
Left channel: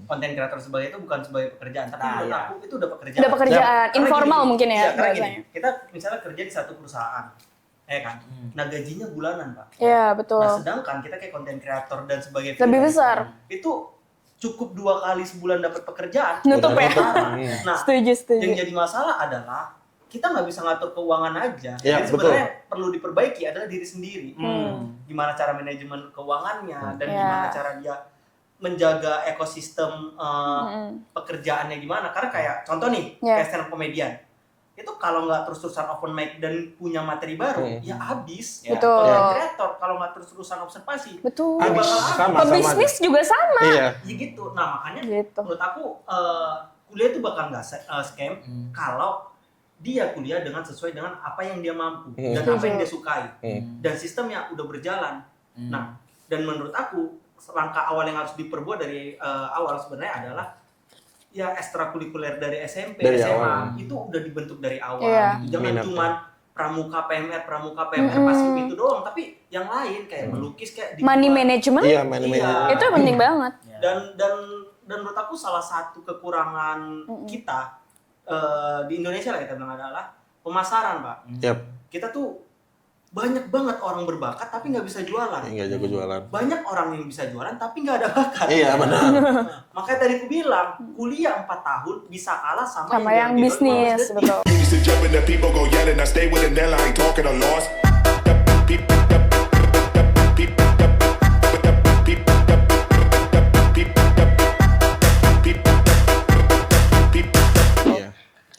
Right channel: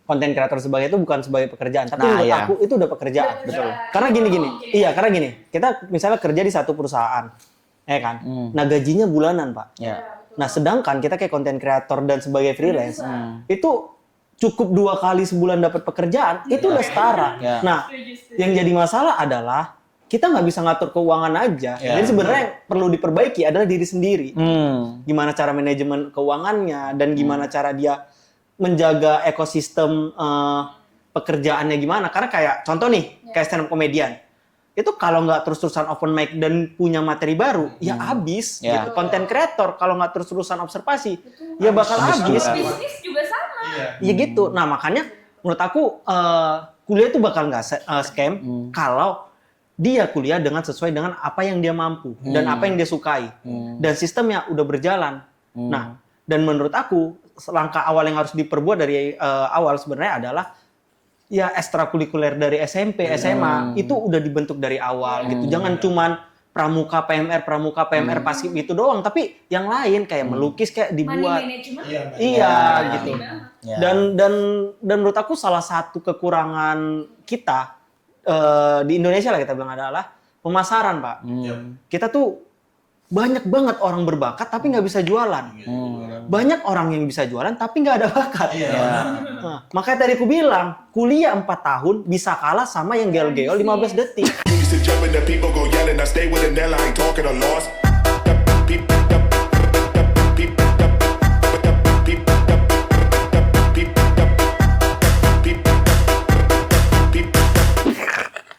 konten kreator sebagai itu bukan sebagai pekerjaan. Tapi menurut aku itu udah pekerjaan. Udah pekerjaan. Karena Informal gini. mungkin ya. Iya, karena gini. Kita misalnya kerja di satu perusahaan. Kan? Nah gajinya bulanan, Pak. Iya, betul. Nah sedangkan kita kayak konten kreator dan sebagai lebih freelance besar. itu cukup 2 kali sebulan dapat pekerjaan, itu setara. Nah, Setuju. yang jadi masalah adalah kita nggak bisa ngatur keuangan aja. Jadi sebenarnya perlu diperbaiki adalah diri sendiri. Gimana cara manajemen keuangannya dan gimana cara dia menjaga ekosistem pekerjaannya gimana. Karena kayak contoh nih, kayak stand up comedian. Itu kalau nggak terus-terusan open mic dan punya materi baru, ya habis. Gitu. Content creator kalau nggak terus-terusan observasi, ya bakal habis. Bisnis juga sama. Iya gitu. Nah makanya menurut aku kuliah itu bakal nggak scam kalau dia kuliah dengan sesuai dengan apa yang dia mampu dan apa yang dia sukai. Dan sistemnya udah berjalan. Nah, dan menurut aku langkah awal yang harus diperbuat dari awal sebenarnya adalah ya ekstrakurikuler dari SMP, SMA itu udah dibentuk dari awal gitu. Jangan cuman pramuka PMR pasif gitu doang, tapi yang lain kayak melukis, kayak dibuat money management. Itu penting banget. Dan menurut aku salah satu kekurangan kita di Indonesia lah kita bilang adalah pemasaran, Pak. Kita tuh banyak banget orang berbakat tapi nggak bisa jualan. Banyak orang yang bisa jualan tapi nggak ada bakat. Nah, makanya tadi aku bilang kuliah 4 tahun bisa kalah sama yang jalan GO 15 detik. Used to jump in the people go yelling. I stay with a Nella, I ain't talking a loss.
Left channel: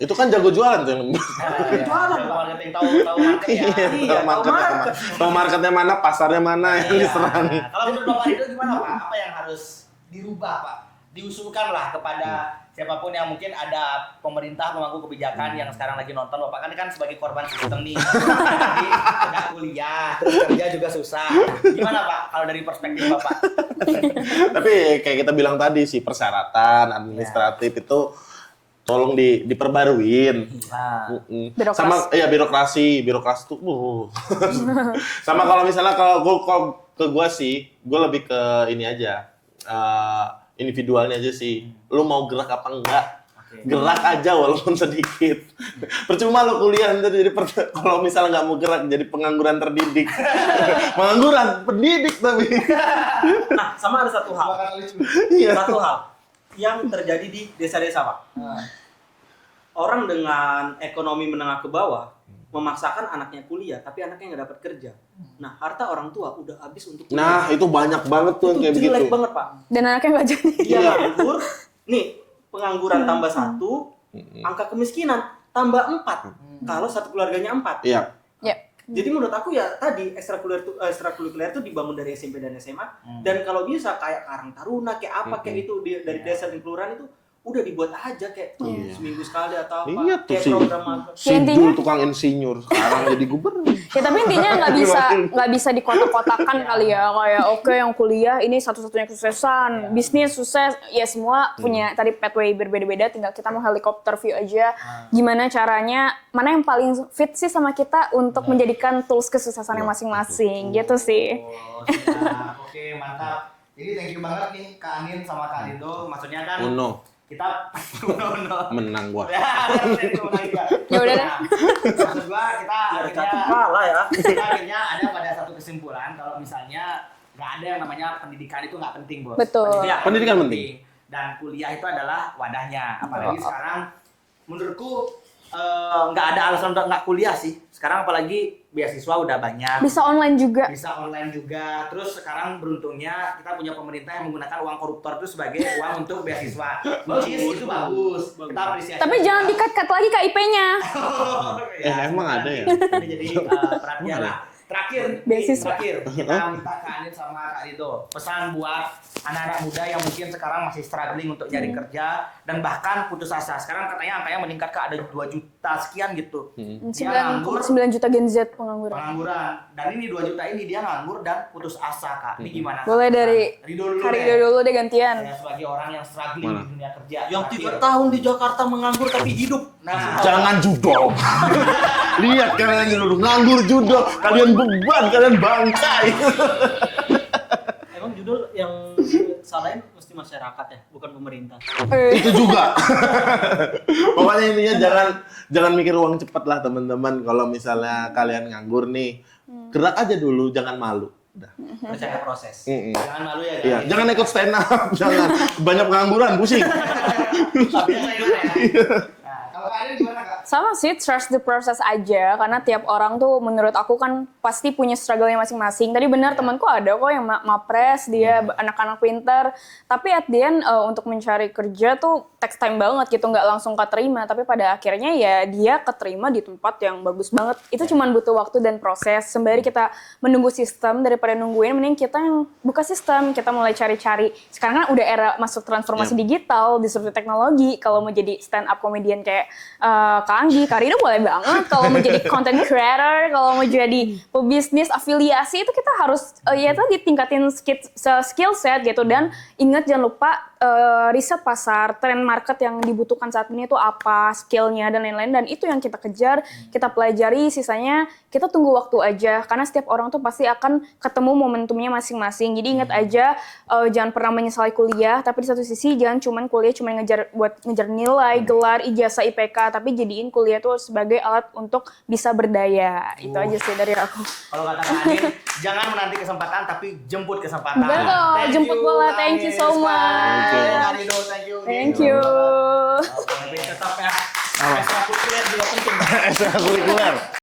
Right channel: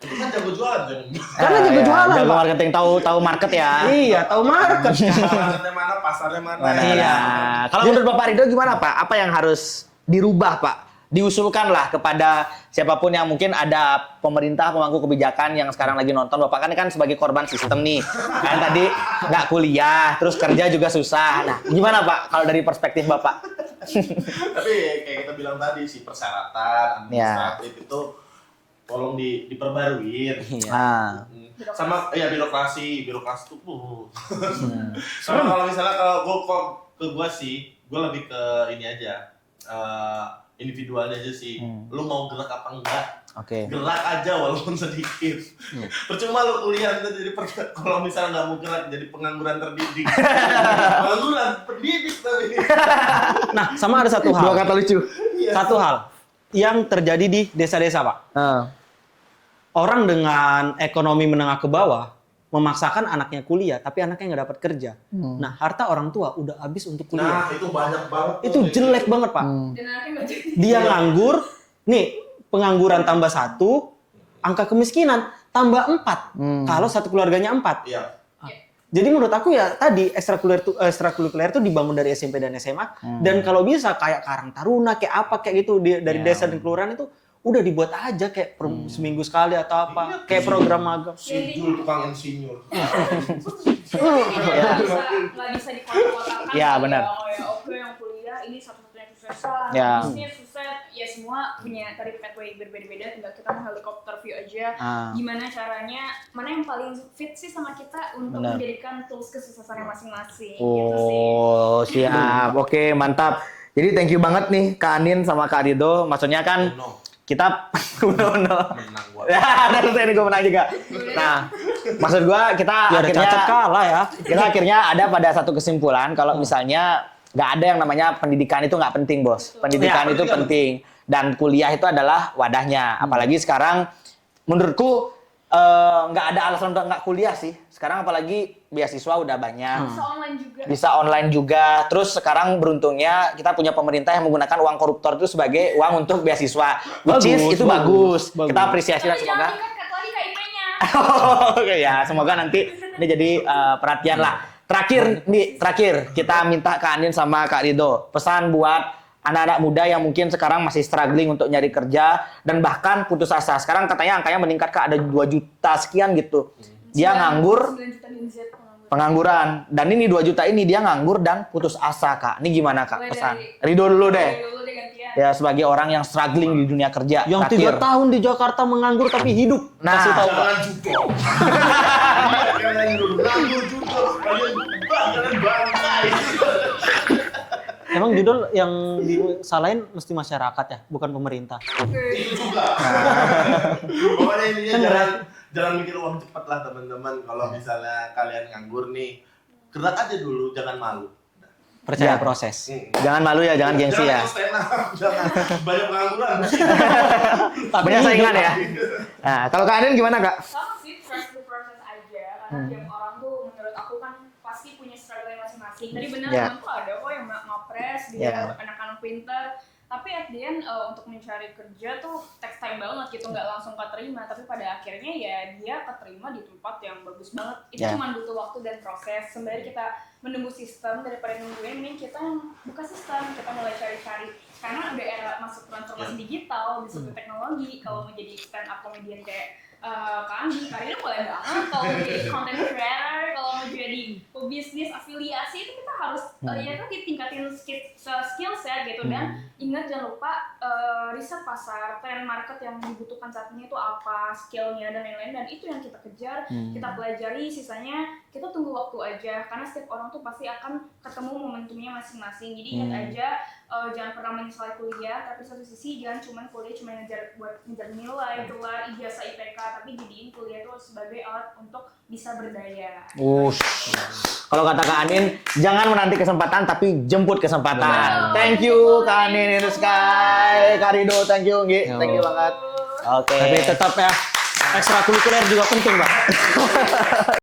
Itu kan jago jualan tuh. Karena jago jualan, jago marketing, tahu market ya. Iya, tahu market. Marketnya mana, pasarnya mana. Nah, kalau menurut Bapak Ridho gimana, Pak? Apa yang harus dirubah, Pak? Diusulkanlah kepada siapapun yang mungkin ada pemerintah, pemangku kebijakan yang sekarang lagi nonton. Bapak kan sebagai korban sistem nih. Kan tadi nggak kuliah, terus kerja juga susah. Nah, gimana, Pak, kalau dari perspektif Bapak? Tapi kayak kita bilang tadi sih, persyaratan administratif itu tolong diperbaruin. Birokrasi. Birokrasi tuh sama kalau misalnya kalau ke gua sih, gua lebih ke ini aja, individualnya aja sih. Lu mau gerak apa enggak? Gerak aja walaupun sedikit. Percuma lu kuliah nanti jadi kalau misalnya nggak mau gerak jadi pengangguran terdidik. Pengangguran pendidik tapi. Nah, sama ada satu hal. Dua kata lucu. Satu hal yang terjadi di desa-desa, Pak. orang dengan ekonomi menengah ke bawah memaksakan anaknya kuliah, tapi anaknya nggak dapat kerja. Nah, harta orang tua udah habis untuk Nah, kuliah. itu banyak banget tuh Itu kayak jelek gitu. banget, Pak. Dan anaknya nggak jadi. Dia nganggur, nih pengangguran tambah 1, angka kemiskinan tambah 4. Kalau satu keluarganya 4. Iya. Ya. Jadi menurut aku ya tadi ekstrakurikuler itu dibangun dari SMP dan SMA dan kalau bisa kayak Karang Taruna kayak apa kayak gitu dari desa dan kelurahan itu udah dibuat aja kayak seminggu sekali atau apa Iya, tuh kayak sih. program magang. Si Ya, intinya- Jul tukang insinyur sekarang jadi gubernur. Ya, tapi intinya nggak bisa dikotak-kotakan Ya, kali benar. ya, kayak oke yang kuliah ini satu-satunya kesuksesan, Ya. bisnis sukses, ya semua punya tadi pathway berbeda-beda, tinggal kita mau helikopter view aja. Gimana caranya, mana yang paling fit sih sama kita untuk menjadikan tools kesuksesannya masing-masing, gitu sih. Oh, siap. Oke, mantap. Jadi thank you banget nih Kak Anin sama Kak Rido. Maksudnya kan Oh, no. kita Menang gua. Ya, dan tadi gue menang juga. Ya udah deh. Nah, maksud gua kita Ya ada akhirnya cacat kalah ya. kita akhirnya ada pada satu kesimpulan kalau misalnya nggak ada yang namanya pendidikan itu nggak penting, Bos. Betul. Pendidikan Ya, itu pendidikan penting. Dan kuliah itu adalah wadahnya. Apalagi sekarang menurutku nggak ada alasan untuk nggak kuliah sih. Sekarang apalagi beasiswa udah banyak. Bisa online juga. Bisa online juga. Terus sekarang beruntungnya kita punya pemerintah yang menggunakan uang koruptor itu sebagai uang untuk beasiswa. Which is itu bagus. Kita apresiasi. Tapi jangan semoga- dikat-kat lagi KIP-nya. Oke ya, semoga nanti ini jadi perhatian lah. Terakhir kita minta Kak Anin sama Kak Rido pesan buat anak-anak muda yang mungkin sekarang masih struggling untuk nyari kerja dan bahkan putus asa. Sekarang katanya angkanya meningkat Kak, ada 2 juta sekian gitu. Dia nganggur 9 juta Gen Z pengangguran. pengangguran dan ini 2 juta ini dia nganggur dan putus asa Kak. Ini gimana Kak? Boleh pesan? dari Rido dulu deh. Rido dulu deh gantian. Ya sebagai orang yang struggling di dunia kerja. Yang terakhir. 3 tahun di Jakarta menganggur tapi hidup. Nah, Jangan judok. Lihat kalian yang duduk nganggur judok. Kalian beban, kalian bangkai. Emang judul yang disalahin mesti masyarakat ya, bukan pemerintah. Itu juga. Pokoknya intinya jangan mikir uang cepat lah teman-teman. Kalau misalnya kalian nganggur nih, gerak aja dulu, jangan malu. Udah. Percaya proses. jangan malu ya, jangan Ya, gengsi jangan ya. ikut stand up, jangan banyak pengangguran, pusing. Banyak saingan ya. Nah, kalau Kak Anin gimana Kak? Sama sih, trust the process aja. Karena tiap orang tuh menurut aku kan pasti punya struggle-nya masing-masing. Tadi benar Ya. temanku ada kok yang mapres, dia anak-anak pinter. Tapi at the end untuk mencari kerja tuh takes time banget gitu, nggak langsung keterima. Tapi pada akhirnya ya dia keterima di tempat yang bagus banget. Itu cuman butuh waktu dan proses. Sembari kita menunggu sistem daripada nungguin, mending kita yang buka sistem, kita mulai cari-cari. Sekarang kan udah era masuk transformasi digital, disrupsi teknologi. Kalau mau jadi stand up comedian kayak Kak Anggi, Kak Rido boleh banget. Kalau mau jadi content creator, kalau mau jadi pebisnis, afiliasi, itu kita harus ya tadi tingkatin skill set gitu. Dan ingat jangan lupa riset pasar, trend market yang dibutuhkan saat ini itu apa, skillnya dan lain-lain. Dan itu yang kita kejar, kita pelajari, sisanya kita tunggu waktu aja. Karena setiap orang tuh pasti akan ketemu momentumnya masing-masing. Jadi ingat aja, jangan pernah menyesali kuliah, tapi di satu sisi jangan cuman kuliah cuma ngejar nilai, gelar, ijazah, IPK, tapi jadiin kuliah tuh sebagai alat untuk bisa berdaya. Itu aja sih dari aku. Kalau kata Kak Anin, jangan menanti kesempatan tapi jemput kesempatan. Betul, Thank jemput you bola. Kak Thank Anin, you so Rizka, much. Kak Rido, thank you. Thank you. Oke. Tapi tetap ya, ekstrakurikuler juga penting, Bang.